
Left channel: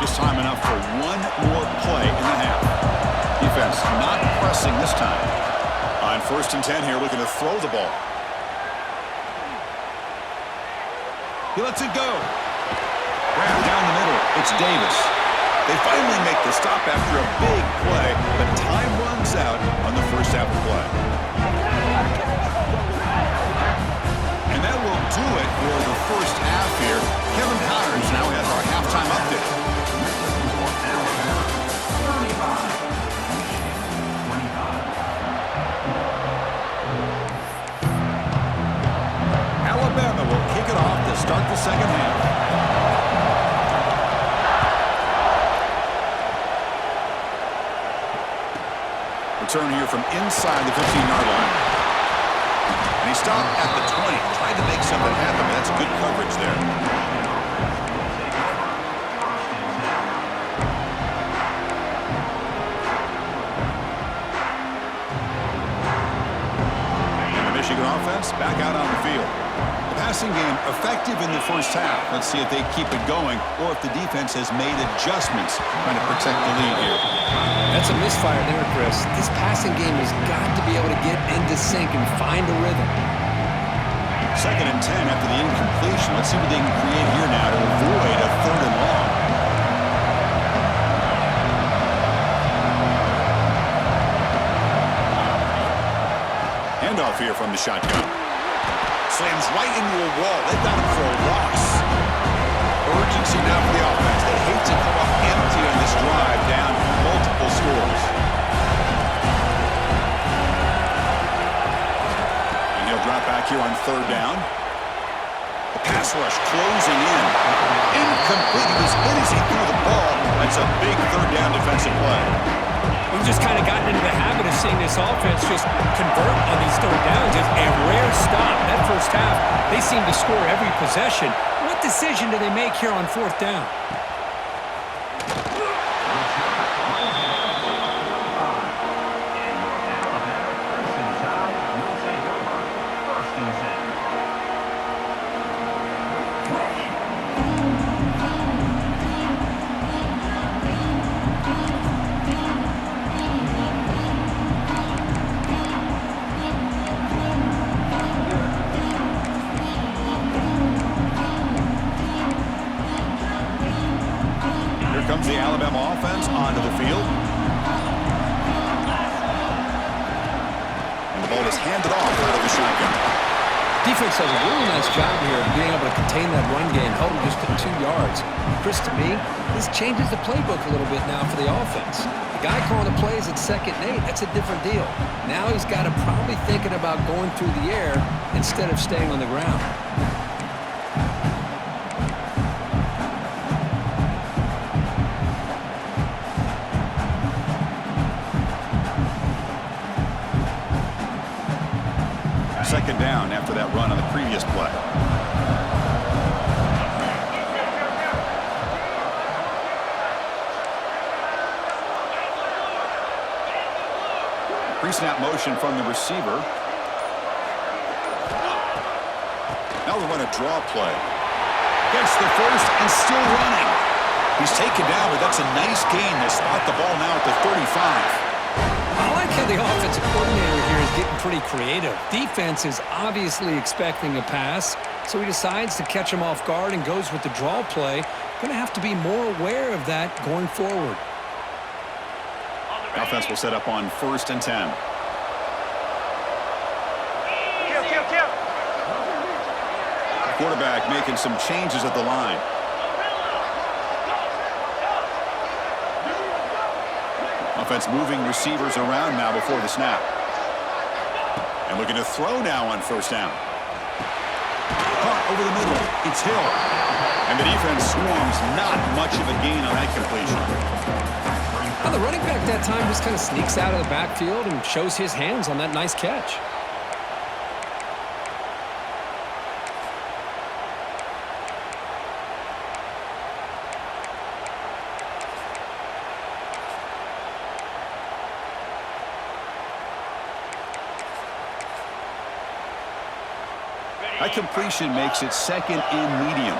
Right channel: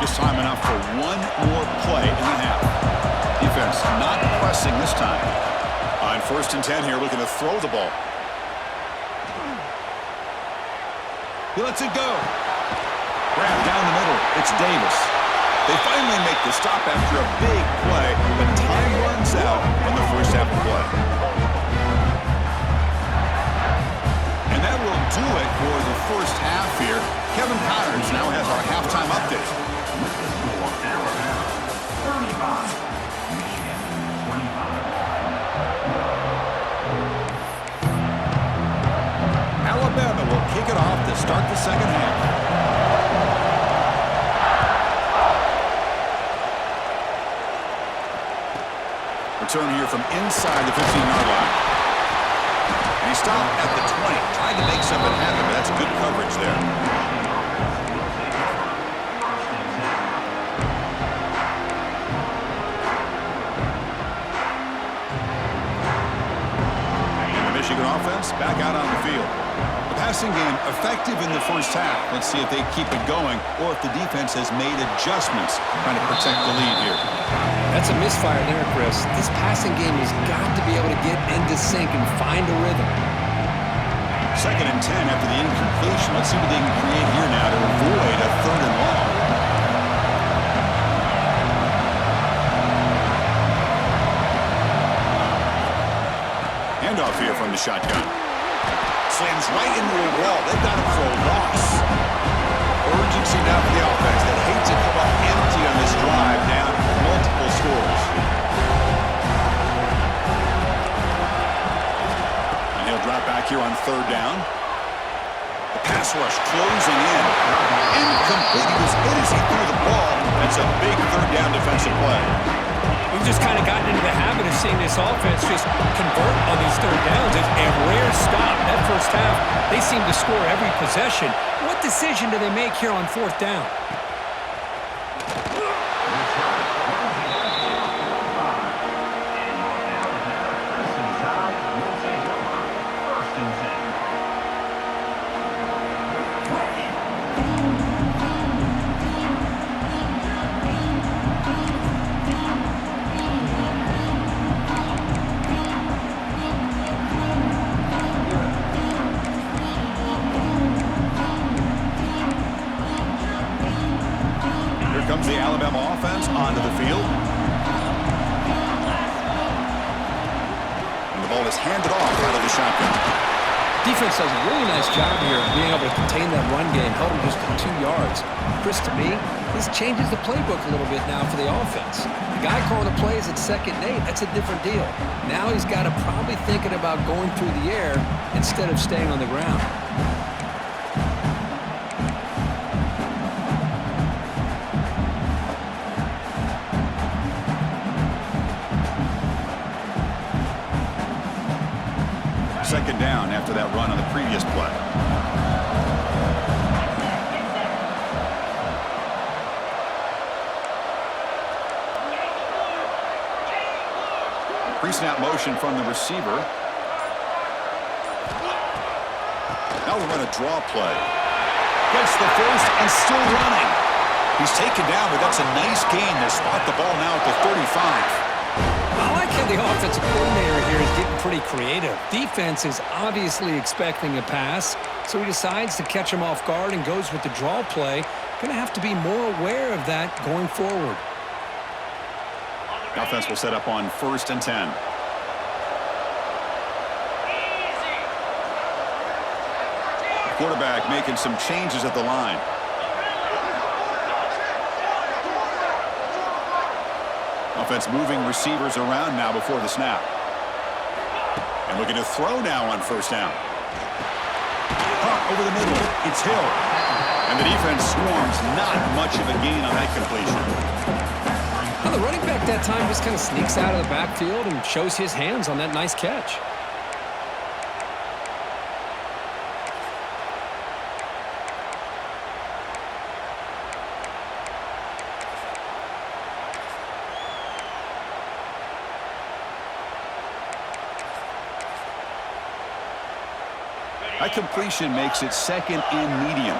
Just time enough for one more play in the half. Defense not pressing this time. On 1st and 10 here, looking to throw the ball. He lets it go. Grab down the middle. It's Davis. They finally make the stop after a big play, but time runs out on the first half of play. And that will do it for the first half here. Kevin Powers now has our halftime update. The score Alabama 35, Michigan 25. Alabama will kick it off to start the second half. Return here from inside the 15-yard line. And he stopped at the 20, tried to make something happen, but that's good coverage there. And the Michigan offense back out on the field. The passing game effective in the first half. Let's see if they keep it going or if the defense has made adjustments trying to protect the lead here. That's a misfire there, Chris. This passing game has got to be able to get into sync and find a rhythm. 2nd and 10 after the incompletion. Let's see what they can create here now to avoid a 3rd and long. Handoff here from the shotgun. Slams right into a wall. They've got him for a loss. Urgency now for the offense that hates to come up empty on this drive, down multiple scores. And he'll drop back here on 3rd down. The pass rush closing in. Incomplete. He was in as he threw the ball. That's a big 3rd down defensive play. We've just kind of gotten into the habit of seeing this offense just convert on these 3rd downs. It's a rare stop. That first half, they seem to score every possession. What decision do they make here on 4th down? Comes the Alabama offense onto the field. And the ball is handed off out of the shotgun. Defense does a really nice job here of being able to contain that run game, held them just at 2 yards. Chris, to me, this changes the playbook a little bit now for the offense. The guy calling the plays at 2nd and 8, that's a different deal. Now he's got to probably thinking about going through the air instead of staying on the ground. Second down after that run on the previous play. Pre-snap motion from the receiver. Now they run a draw play. Gets the first and still running. He's taken down, but that's a nice gain. They'll spot the ball now at the 35. I like how the offensive coordinator here is getting pretty creative. Defense is obviously expecting a pass, so he decides to catch him off guard and goes with the draw play. Going to have to be more aware of that going forward. The offense will set up on 1st and 10. The quarterback making some changes at the line. Offense moving receivers around now before the snap. And looking to throw now on 1st down. Caught over the middle. It's Hill. And the defense swarms. Not much of a gain on that completion. Well, the running back that time just kind of sneaks out of the backfield and shows his hands on that nice catch. That completion makes it 2nd and medium.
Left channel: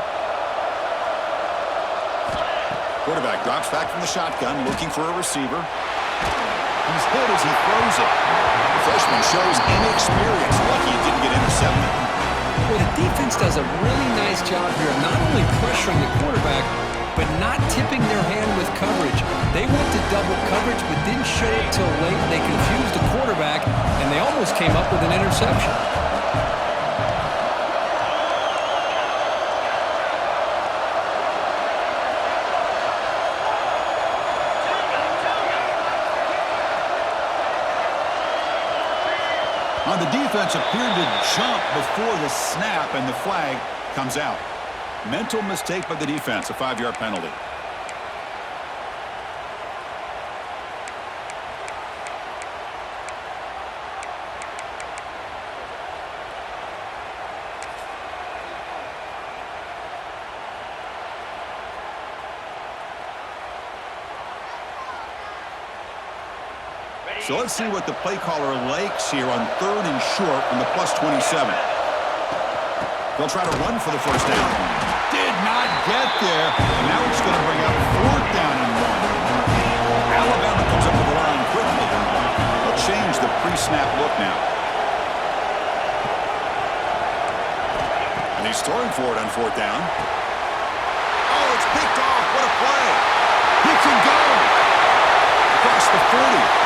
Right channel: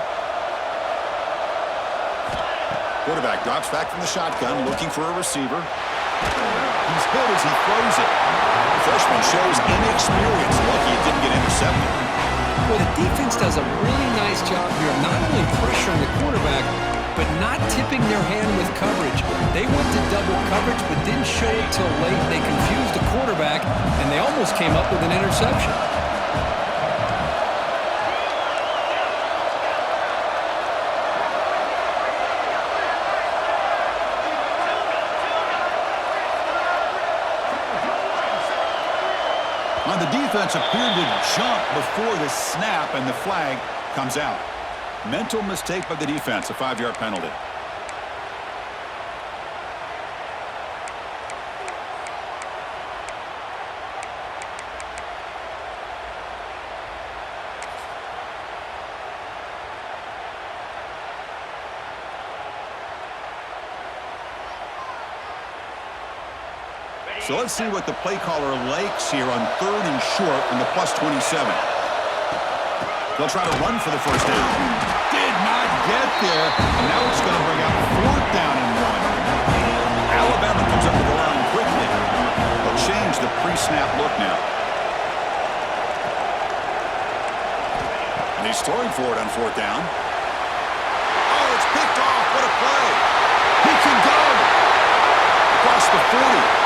Quarterback drops back from the shotgun, looking for a receiver. He's hit as he throws it. The freshman shows inexperience. Lucky it didn't get intercepted. Well, the defense does a really nice job here of not only pressuring the quarterback, but not tipping their hand with coverage. They went to double coverage, but didn't show it till late. They confused the quarterback, and they almost came up with an interception. On the defense appeared to jump before the snap, and the flag comes out. Mental mistake by the defense, a 5-yard penalty. So let's see what the play caller likes here on 3rd and short from the +27. They'll try to run for the 1st down. Did not get there, and now it's going to bring out 4th down and 1. Alabama comes up to the line quickly. They'll change the pre-snap look now. And he's throwing for it on 4th down. Oh, it's picked off. What a play. He can go. Across the 40.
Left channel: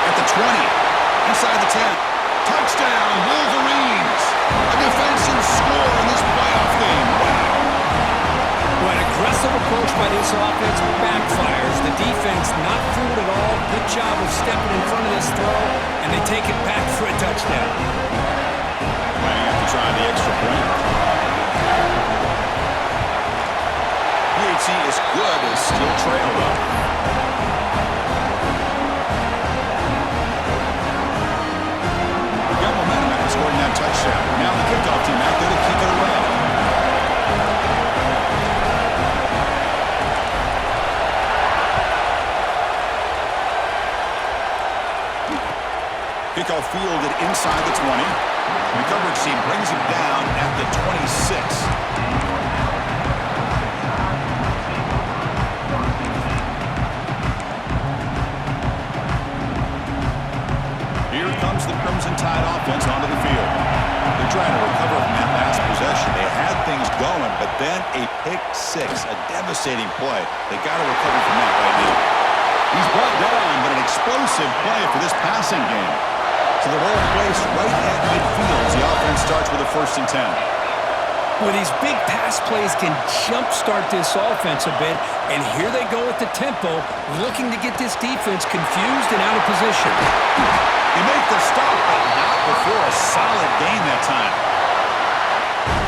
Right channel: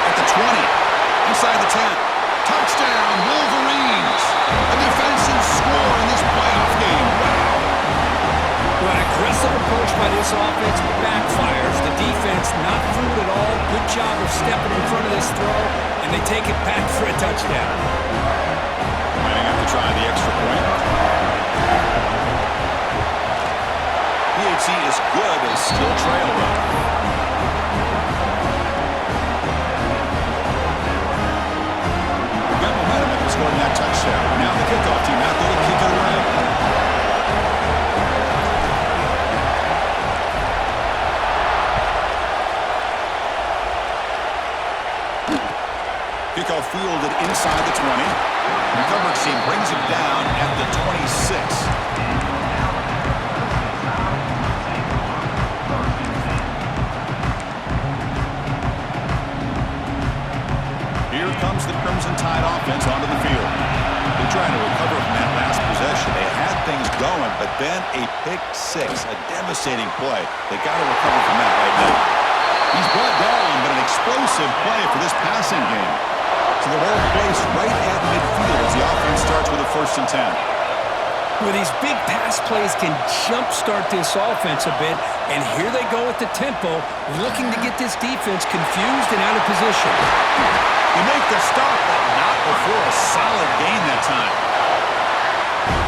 At the 20, inside the 10. Touchdown, Wolverines! A defensive score in this playoff game. Wow. Well, an aggressive approach by this offense backfires. The defense not fooled at all. Good job of stepping in front of this throw, and they take it back for a touchdown. Lining up to try the extra point. PHC is good as still trail, though. Got momentum after scoring that touchdown. Now the kickoff team out there to kick it away. Kickoff fielded inside the 20. Recovered team brings him down at the 26. Here comes the Crimson Tide offense onto the field. They're trying to recover from that last possession. They had things going, but then a pick 6, a devastating play. They got to recover from that right now. He's brought down, but an explosive play for this passing game. So they're all placed right at midfield as the offense starts with a 1st and 10. Well, these big pass plays can jumpstart this offense a bit, and here they go at the tempo, looking to get this defense confused and out of position. You make the stop, but not before a solid gain that time.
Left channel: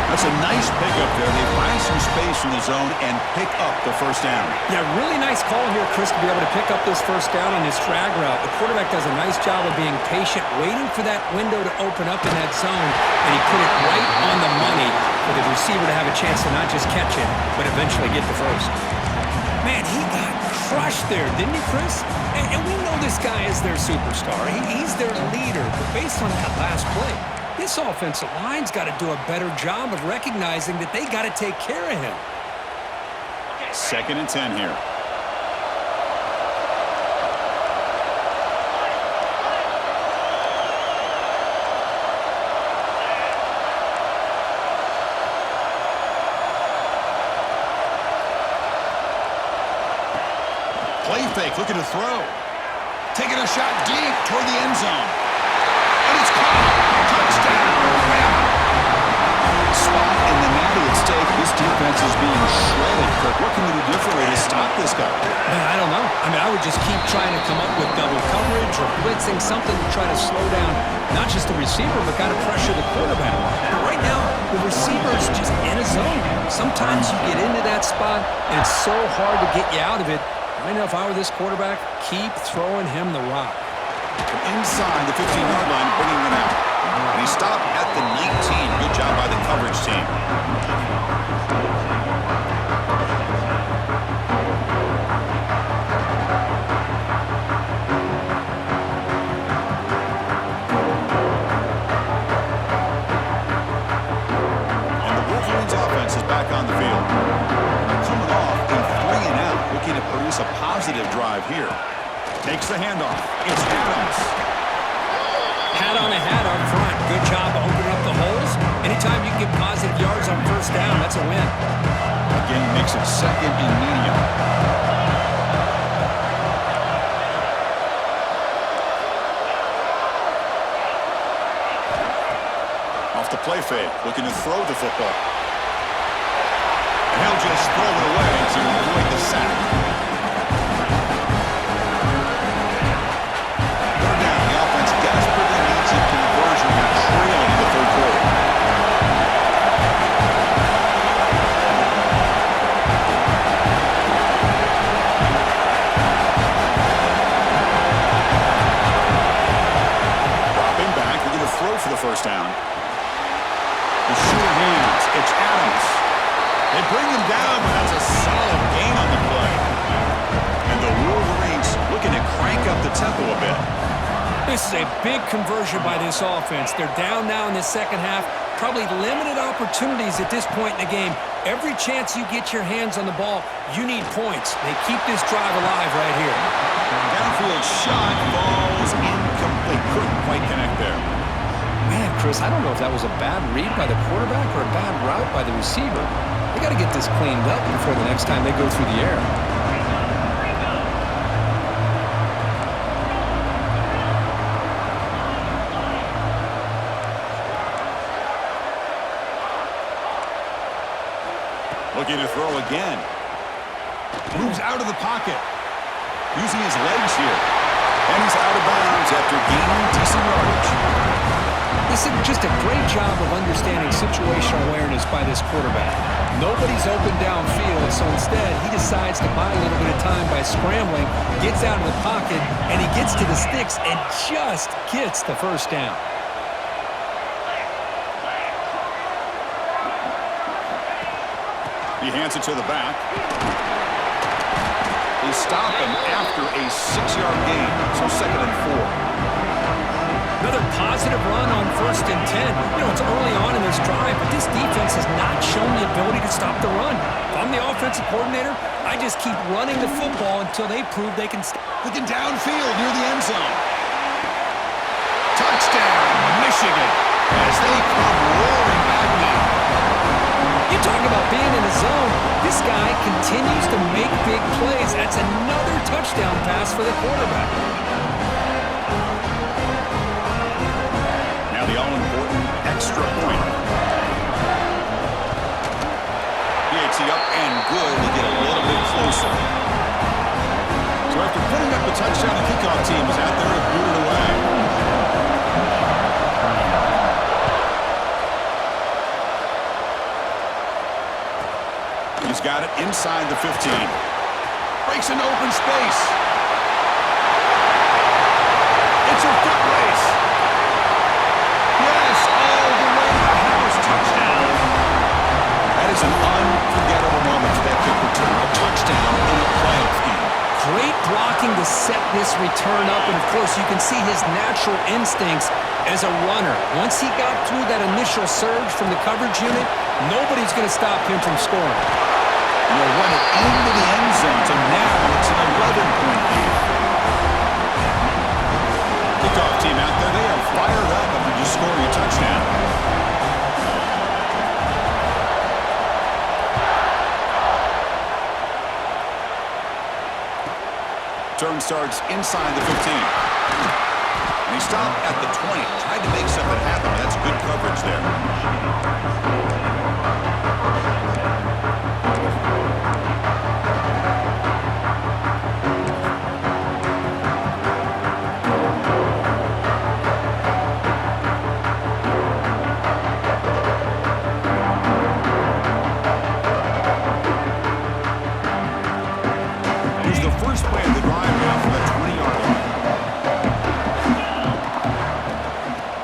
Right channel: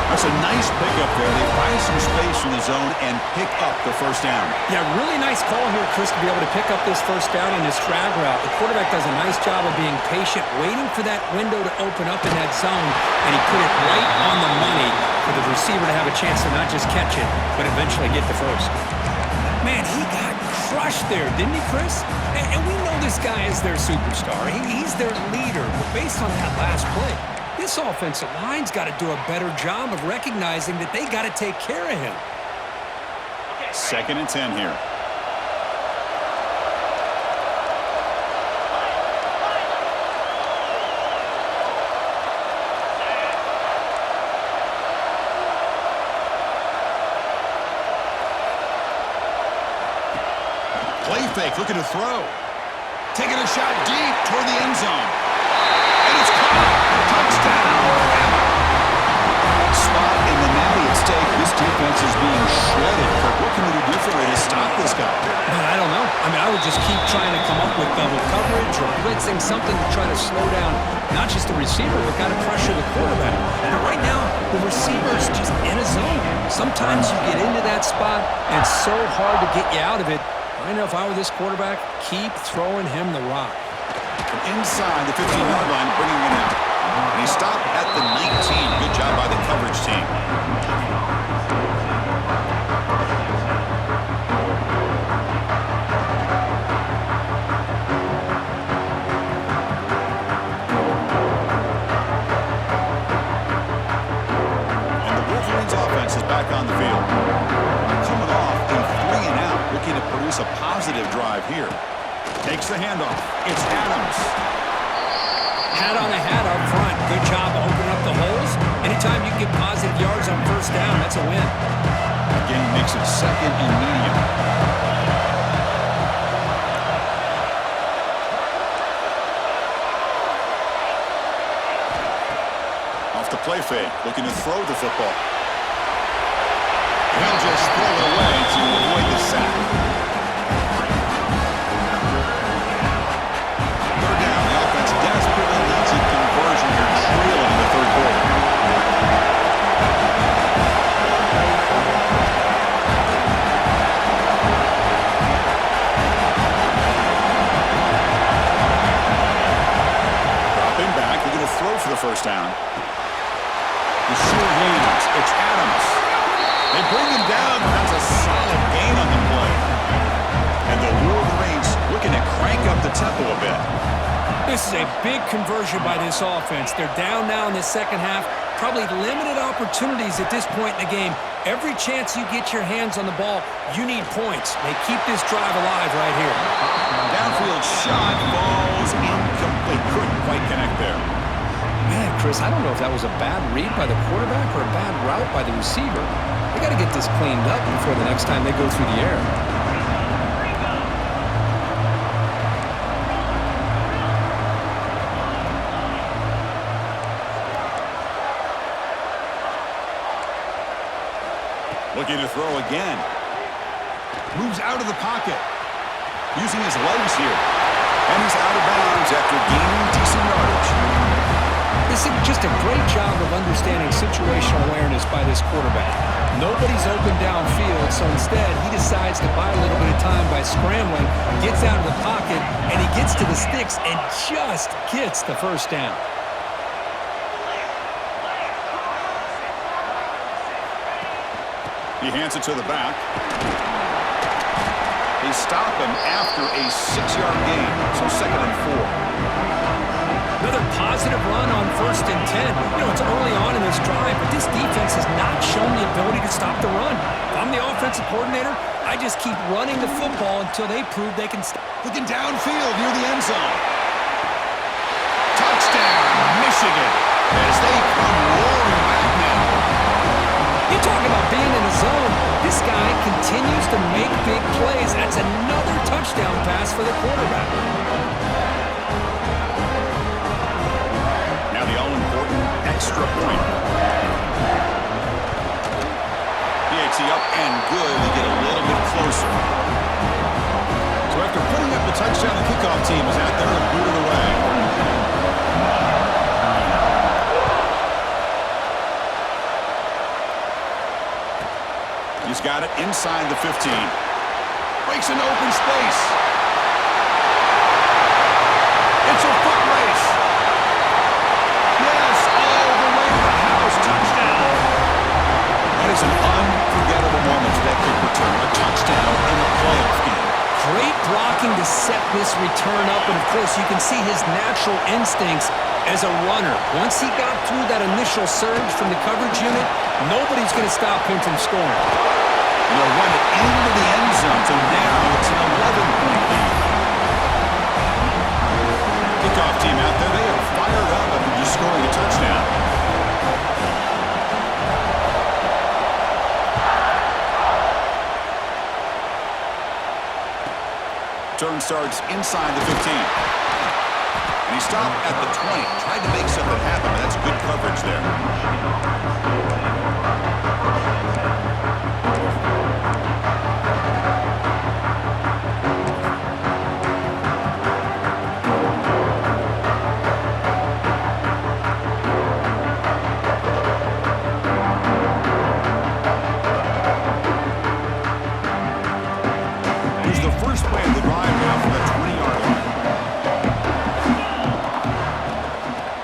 That's a nice pickup there. They find some space in the zone and pick up the 1st down. Yeah, really nice call here, Chris, to be able to pick up this 1st down on this drag route. The quarterback does a nice job of being patient, waiting for that window to open up in that zone, and he put it right on the money for the receiver to have a chance to not just catch it, but eventually get the 1st. Man, he got crushed there, didn't he, Chris? And we know this guy is their superstar. He's their leader, but based on that last play, this offensive line's got to do a better job of recognizing that they got to take care of him. 2nd and 10 here. Play fake, looking to throw. Taking a shot deep toward the end zone. And it's caught. Touchdown, Bama. Spot in the natty at stake. This defense is being shredded. Kirk, what can we do differently to stop this guy? Man, I don't know. I mean, I would just keep trying to come up with double coverage or blitzing, something to try to slow down not just the receiver, but kind of pressure the quarterback. But right now, the receiver's just in a zone. Sometimes you get into that spot, and it's so hard to get you out of it. I know if I were this quarterback, keep throwing him the rock. From inside the 15-yard line, bringing it out. And he stopped at the 19. Good job by the coverage team. And the Wolverines offense is back on the field. They're coming off a 3 and out, looking to produce a positive drive here. Takes the handoff. It's Adams. Hat on a hat up front. Good job opening up the holes. Anytime you can get positive yards on first down, that's a win. Again, makes it second and medium. Off the play fake, looking to throw the football. And he'll just throw it away to avoid the sack. Third down, the offense desperately needs a conversion here, trailing in the third quarter. Dropping back, looking to throw for the first down. The sure hands, it's Adams. They bring him down, but that's a solid gain on the play. And the Wolverines looking to crank up the tempo a bit. This is a big conversion by this offense. They're down now in the second half. Probably limited opportunities at this point in the game. Every chance you get your hands on the ball, you need points. They keep this drive alive right here. Downfield shot, falls incomplete. Couldn't quite connect there. Man, Chris, I don't know if that was a bad read by the quarterback or a bad route by the receiver. They got to get this cleaned up before the next time they go through the air. Looking to throw again. Moves out of the pocket. Using his legs here. And he's out of bounds after gaining decent yardage. This is just a great job of understanding situational awareness by this quarterback. Nobody's open downfield, so instead he decides to buy a little bit of time by scrambling, gets out of the pocket, and he gets to the sticks and just gets the first down. He hands it to the back. They stop him after a 6-yard gain, so 2nd and 4. Another positive run on 1st and 10. You know, it's early on in this drive, but this defense has not shown the ability to stop the run. If I'm the offensive coordinator, I just keep running the football until they prove they can stop. Looking downfield near the end zone. Touchdown, Michigan, as they come roaring back now. You talk about being in the zone. This guy continues to make big plays. That's another touchdown pass for the quarterback. Now the all-important extra point. PAT up and good. They get a little bit closer. So after putting up the touchdown, the kickoff team is out there and booted away. He's got it inside the 15. Breaks into open space. It's a foot race. Yes, all the way to the house. Touchdown. That is an unforgettable moment for that kick return. A touchdown in a playoff game. Great blocking to set this return up, and of course you can see his natural instincts as a runner. Once he got through that initial surge from the coverage unit, nobody's going to stop him from scoring. And he'll run it into the end zone, so now it's an 11-point lead. Kickoff team out there, they are fired up after just scoring a touchdown. Return starts inside the 15. And he stopped at the 20. Tried to make something happen. That's good coverage there. Here's the first play of the drive now from the 20-yard line.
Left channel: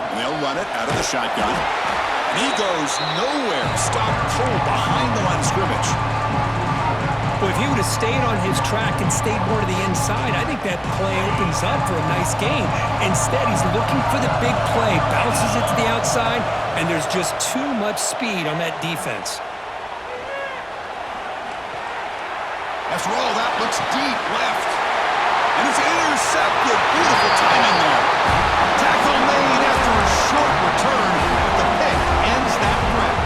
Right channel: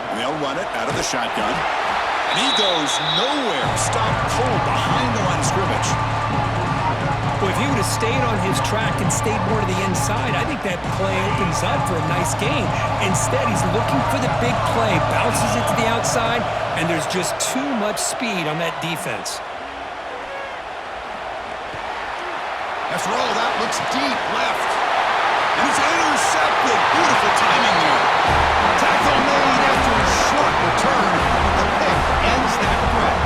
And they'll run it out of the shotgun. And he goes nowhere. Stopped cold behind the line of scrimmage. Well, if he would have stayed on his track and stayed more to the inside, I think that play opens up for a nice gain. Instead, he's looking for the big play, bounces it to the outside, and there's just too much speed on that defense. After all, that looks deep left. And it's intercepted. Beautiful timing there. Tackle made after a short return, but the pick ends that threat.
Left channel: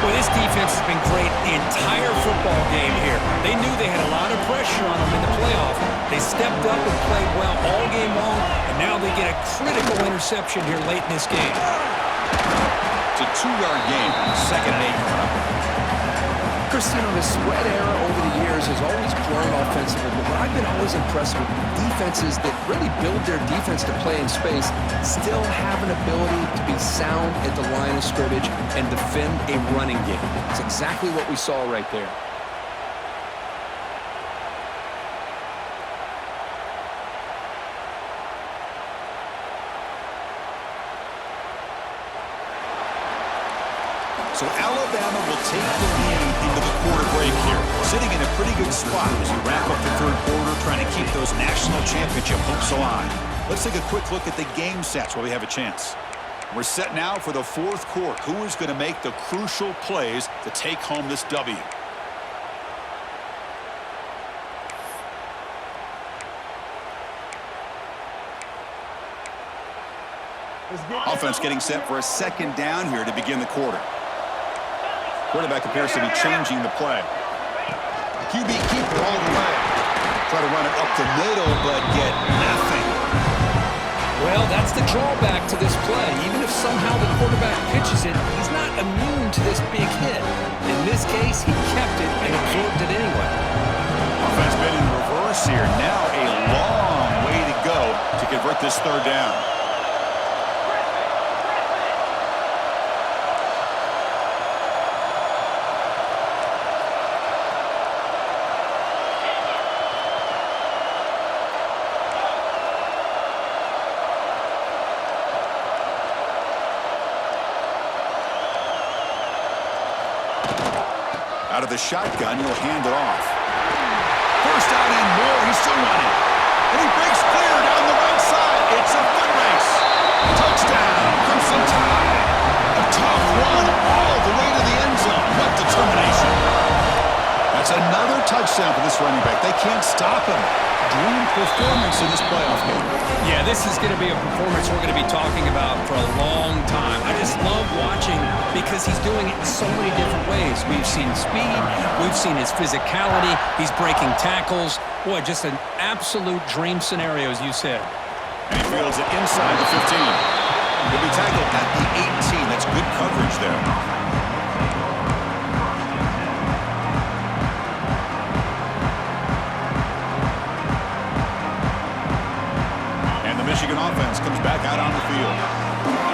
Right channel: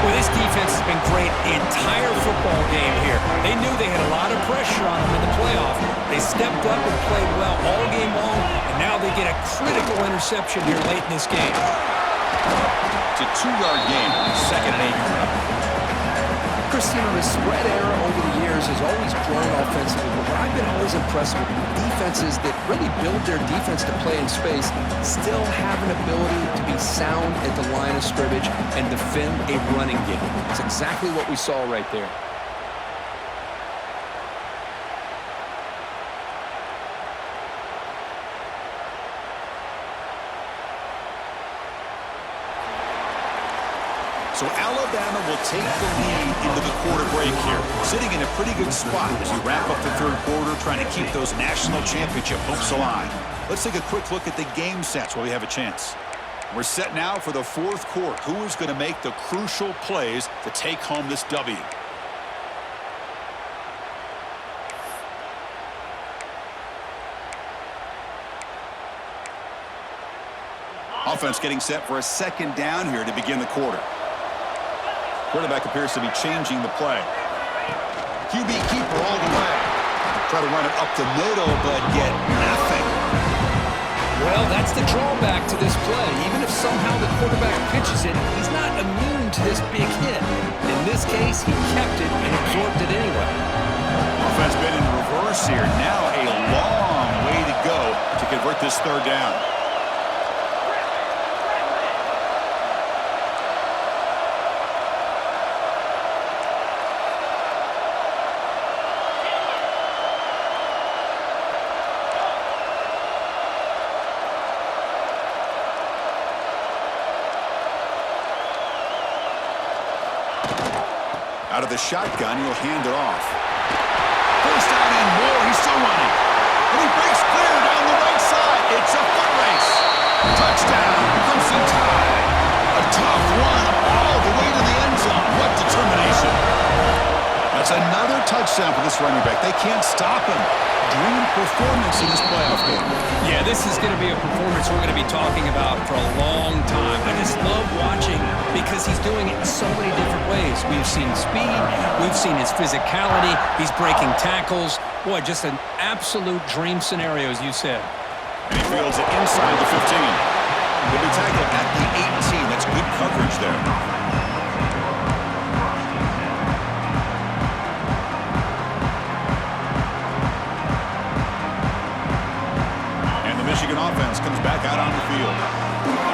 Well, this defense has been great the entire football game here. They knew they had a lot of pressure on them in the playoff. They stepped up and played well all game long, and now they get a critical interception here late in this game. It's a 2-yard gain. 2nd and 8 coming up. Chris, you know, the spread era over the years has always grown offensively, but what I've been always impressed with defenses that really build their defense to play in space still have an ability to be sound at the line of scrimmage and defend a running game. It's exactly what we saw right there. So Alabama will take the lead into the quarter break here, sitting in a pretty good spot as you wrap up the third quarter, trying to keep those national championship hopes alive. Let's take a quick look at the game sets while we have a chance. We're set now for the fourth quarter. Who is going to make the crucial plays to take home this W? Offense getting set for a 2nd down here to begin the quarter. Quarterback appears to be changing the play. QB keeper all the way. Try to run it up the middle, but get nothing. Well, that's the drawback to this play. Even if somehow the quarterback pitches it, he's not immune to this big hit. In this case, he kept it and absorbed it anyway. Offense been in reverse here. Now a long way to go to convert this 3rd down. Out of the shotgun, he'll hand it off. 1st down and more. He's still running. And he breaks clear down the right side. It's a foot race. Touchdown, Crimson Tide. A tough one all the way to the end zone. What determination. That's another touchdown for this running back. They can't stop him. Dream performance in this playoff game. Yeah, this is going to be a performance we're going to be talking about for a long time. I just love watching because he's doing it in so many different ways. We've seen speed. We've seen his physicality. He's breaking tackles. Boy, just an absolute dream scenario, as you said. And he fields it inside the 15. He'll be tackled at the 18. That's good coverage there. Michigan offense comes back out on the field.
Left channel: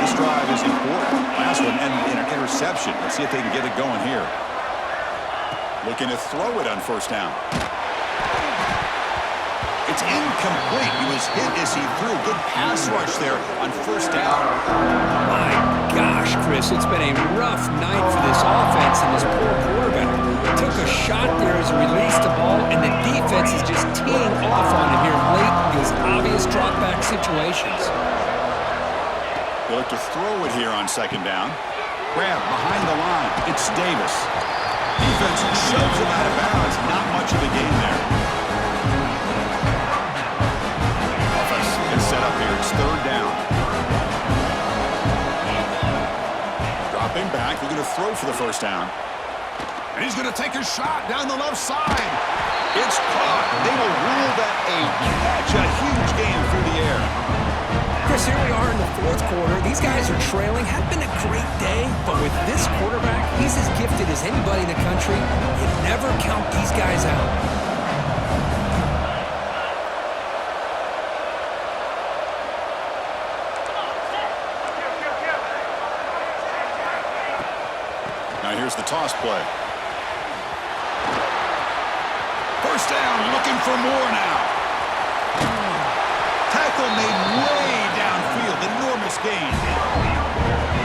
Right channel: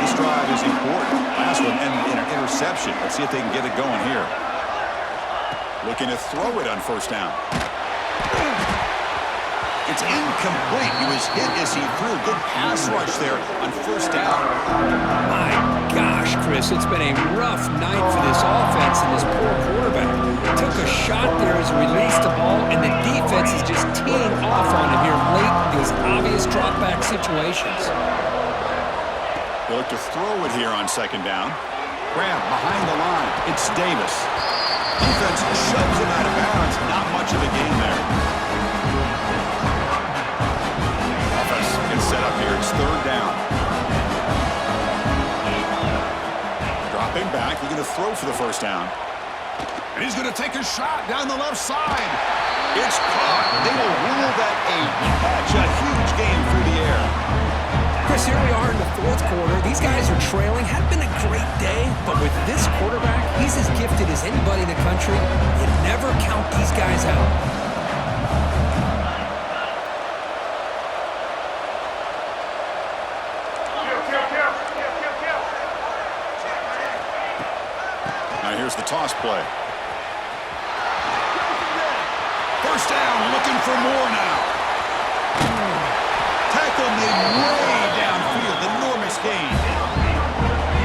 This drive is important. Last one ended in an interception. Let's see if they can get it going here. Looking to throw it on 1st down. It's incomplete. He was hit as he threw. Good pass rush there on 1st down. My gosh, Chris, it's been a rough night for this offense and this poor quarterback. Took a shot there as he released the ball, and the defense is just teeing off on him here late in these obvious drop-back situations. They look to throw it here on 2nd down. Grab behind the line. It's Davis. Defense shoves him out of bounds. Not much of a gain there. Offense gets set up here. It's 3rd down. Dropping back. They're going to throw for the 1st down. And he's going to take a shot down the left side. It's caught. They will rule that a catch. A huge game through the air. Chris, here we are in the fourth quarter. These guys are trailing. Had been a great day, but with this quarterback, he's as gifted as anybody in the country. You never count these guys out. Now here's the toss play. First down, looking for more now. Tackle made way downfield. Enormous gain.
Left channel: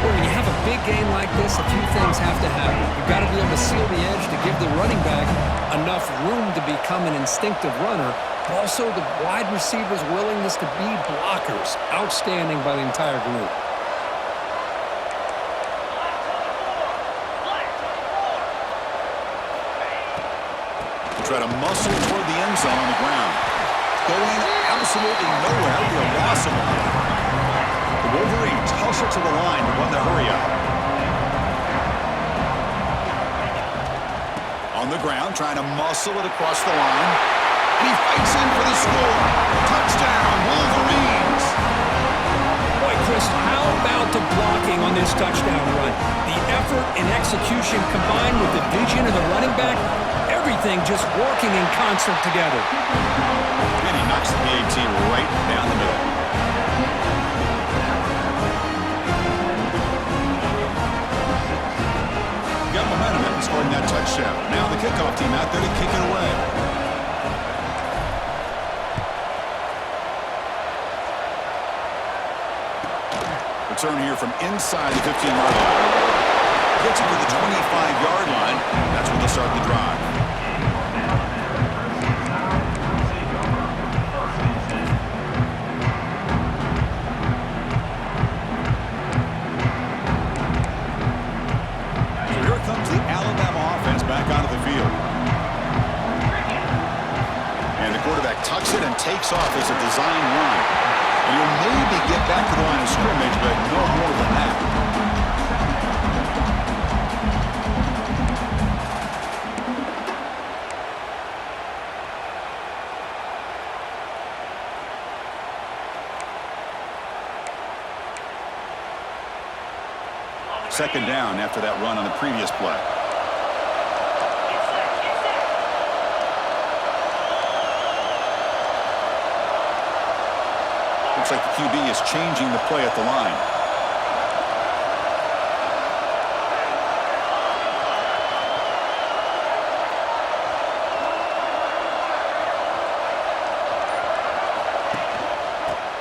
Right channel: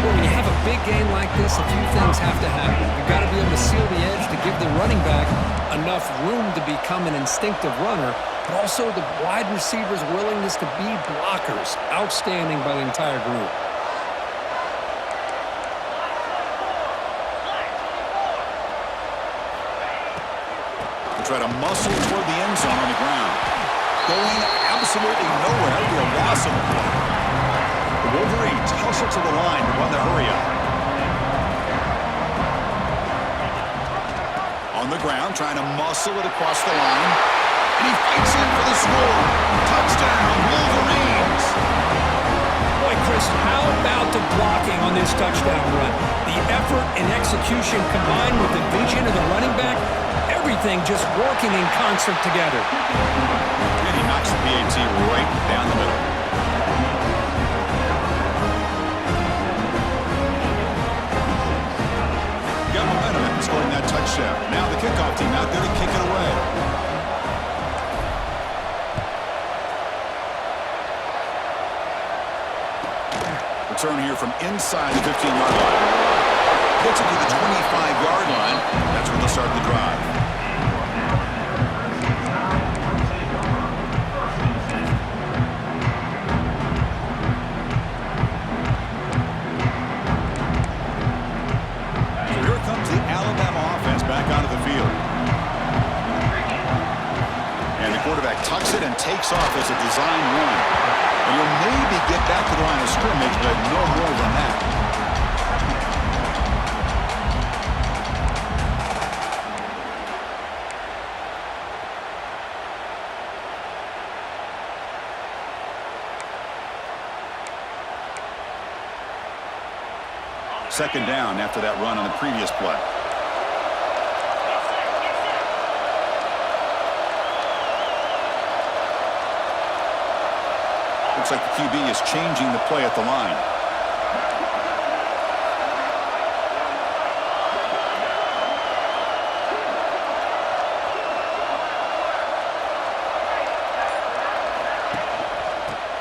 Well, when you have a big game like this, a few things have to happen. You've got to be able to seal the edge to give the running back enough room to become an instinctive runner, but also the wide receivers' willingness to be blockers. Outstanding by the entire group. Try to muscle toward the end zone on the ground. Going absolutely nowhere. That would be a loss of a play. The Wolverines hustle to the line to run the hurry up. On the ground, trying to muscle it across the line. And he fights in for the score. Touchdown, Wolverines. Boy, Chris, how about the blocking on this touchdown run? The effort and execution combined with the vision of the running back, everything just working in concert together. And he knocks the PAT right down the middle. Got momentum after scoring that touchdown. Now the kickoff team out there to kick it away. Return here from inside the 15-yard line. Gets it to the 25-yard line. That's where they'll start the drive. So here comes the Alabama offense back onto the field. And the quarterback tucks it and takes off as a design run. And you'll maybe get back to the line of scrimmage, but no more than that. Second down after that run on the previous play. Looks like the QB is changing the play at the line.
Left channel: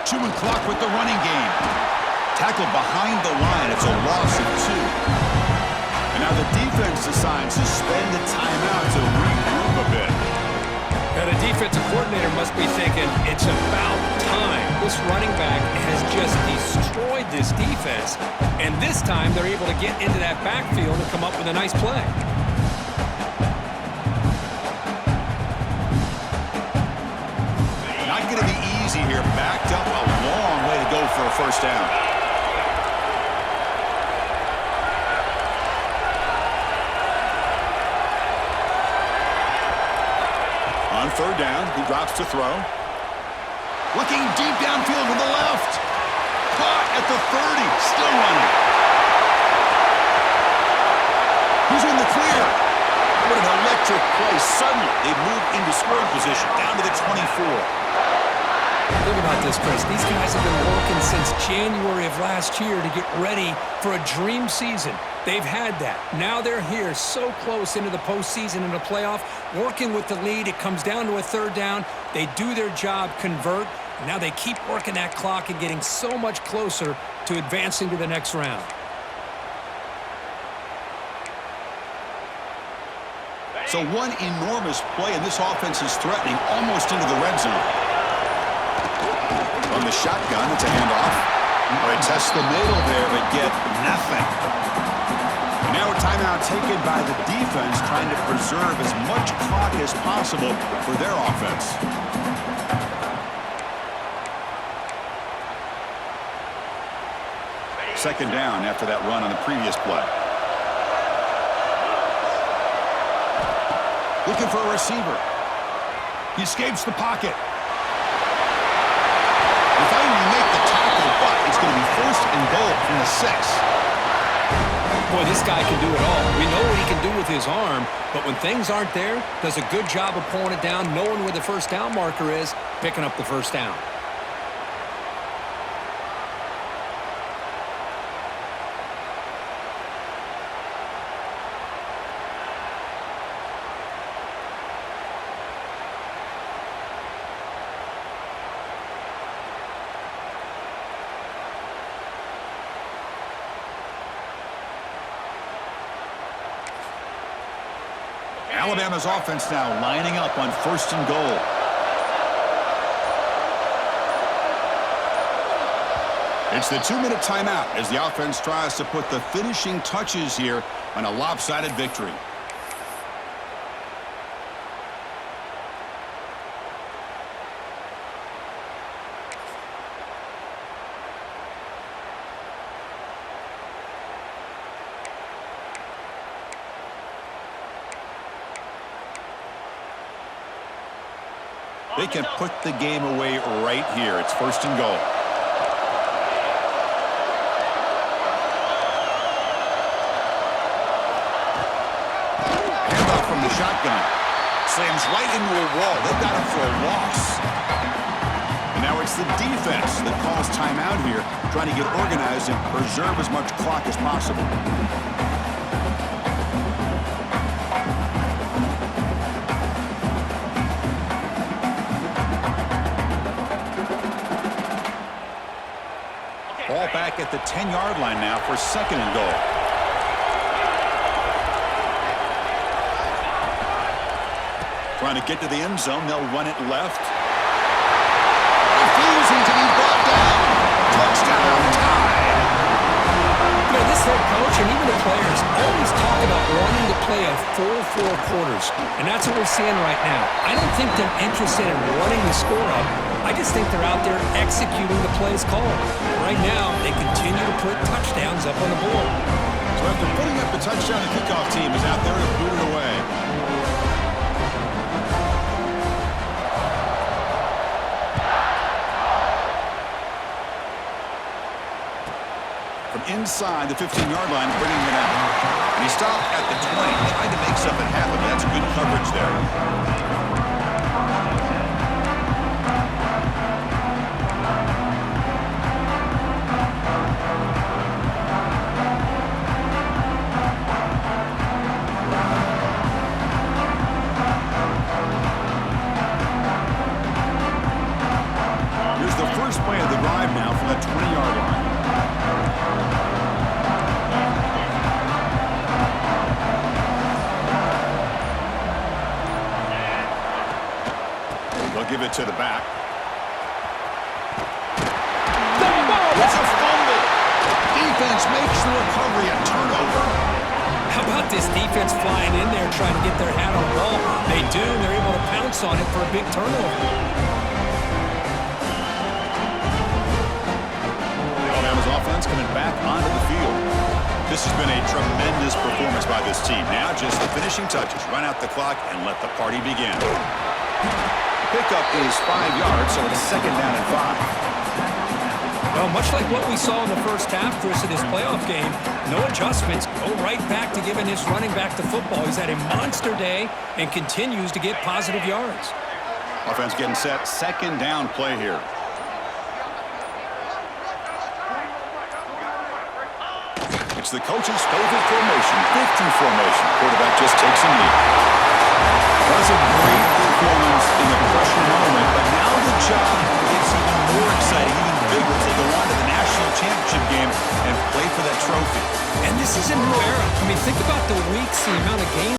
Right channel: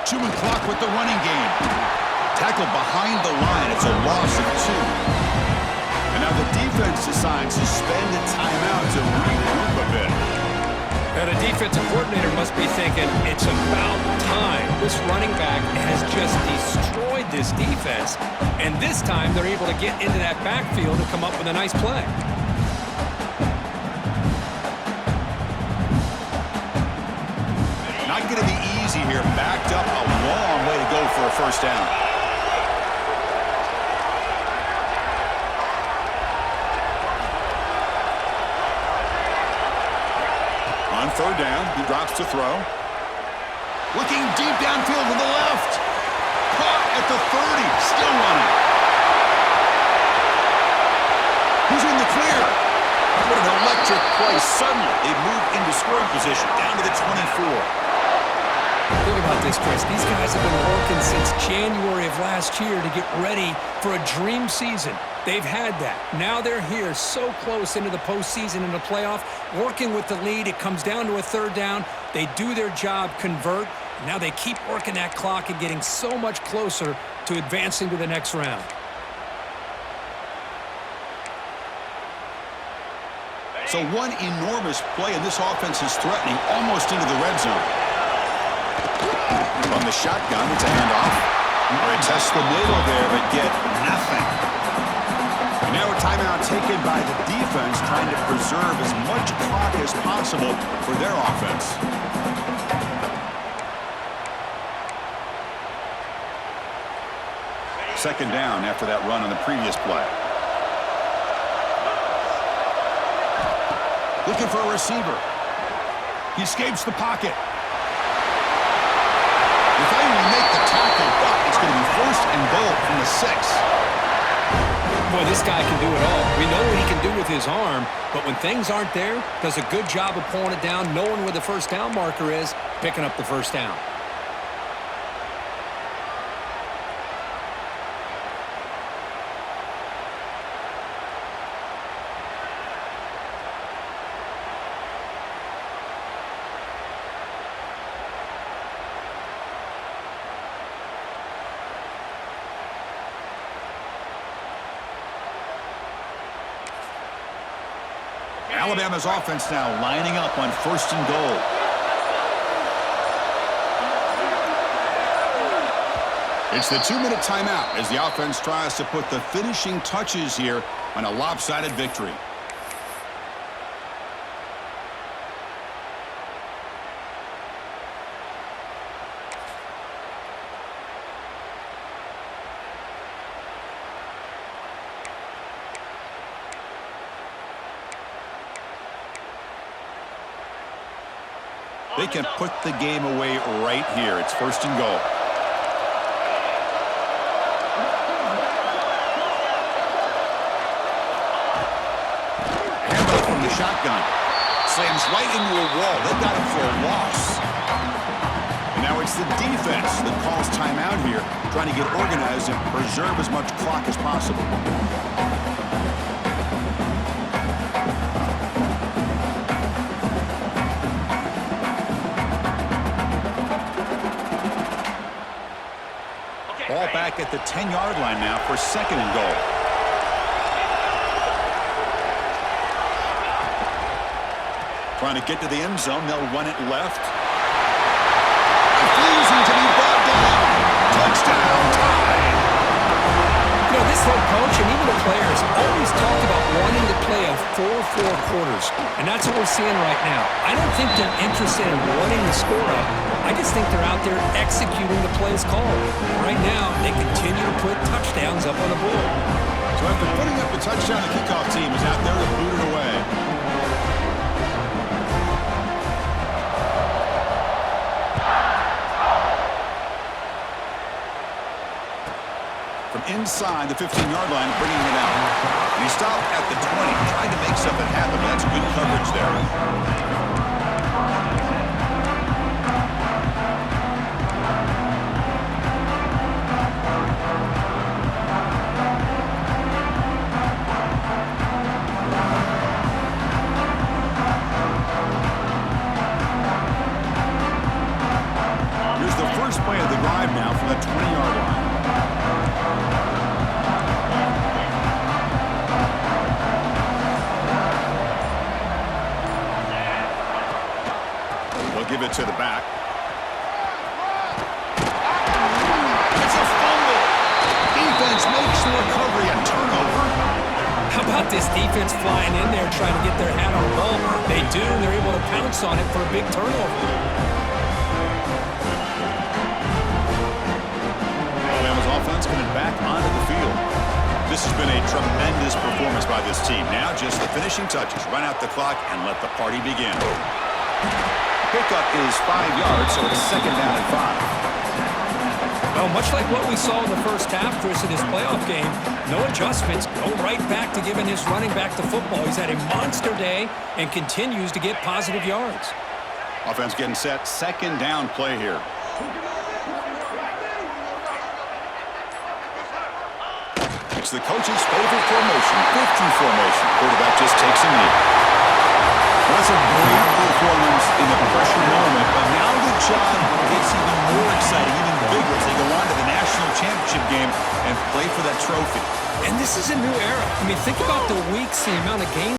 Chewing clock with the running game. Tackled behind the line. It's a loss of 2. And now the defense decides to spend a timeout to regroup a bit. Now the defensive coordinator must be thinking, it's about time. This running back has just destroyed this defense, and this time they're able to get into that backfield and come up with a nice play. Not going to be easy here. Backed up a long way to go for a first down. On third down, he drops to throw. Looking deep downfield to the left. Caught at the 30. Still running. He's in the clear. What an electric play. Suddenly, they move into scoring position down to the 24. Think about this, Chris. These guys have been working since January of last year to get ready for a dream season. They've had that. Now they're here so close into the postseason and the playoff, working with the lead. It comes down to a third down. They do their job, convert. And now they keep working that clock and getting so much closer to advancing to the next round. So one enormous play, and this offense is threatening almost into the red zone. From the shotgun, it's a handoff. They test the middle there, but get nothing. And now a timeout taken by the defense, trying to preserve as much clock as possible for their offense. Second down after that run on the previous play. Looking for a receiver. He escapes the pocket. They finally make the tackle, but it's going to be first and goal from the 6. Boy, this guy can do it all. We know what he can do with his arm, but when things aren't there, does a good job of pulling it down, knowing where the first down marker is, picking up the first down. Alabama's offense now lining up on first and goal. It's the 2-minute timeout as the offense tries to put the finishing touches here on a lopsided victory. They can put the game away right here. It's first and goal. Handoff from the shotgun. Slams right into a wall. They've got him for a loss. And now it's the defense that calls timeout here, trying to get organized and preserve as much clock as possible. Ball back at the 10-yard line now for second and goal. Trying to get to the end zone. They'll run it left. Refusing to be brought down. Touchdown, tied. You know, this head coach and even the players always talk about wanting to play a full 4 quarters, and that's what we're seeing right now. I don't think they're interested in running the score up. I just think they're out there executing the plays called. Right now, they continue to put touchdowns up on the board. So after putting up the touchdown, the kickoff team is out there to boot it away. From inside the 15-yard line, bringing it out. And he stopped at the 20, trying to make something happen. That's good coverage there. First play of the drive now from the 20-yard line. They'll give it to the back. It's a fumble. Defense makes the recovery a turnover. How about this defense flying in there trying to get their hat on the ball? They do, and they're able to pounce on it for a big turnover. Alabama's offense coming back onto the field. This has been a tremendous performance by this team. Now just the finishing touches. Run out the clock and let the party begin. Pickup is 5 yards, so it's second down and 5. Well, much like what we saw in the first half, Chris, of this playoff game, no adjustments. Go right back to giving his running back the football. He's had a monster day and continues to get positive yards. Offense getting set. Second down play here. It's the coach's favorite formation, 50 formation. Quarterback just takes a knee. That's a great performance in the pressure moment, but now the job gets even more exciting, even bigger as they go on to the national championship game and play for that trophy. And this is a new era. I mean, think about the weeks, the amount of games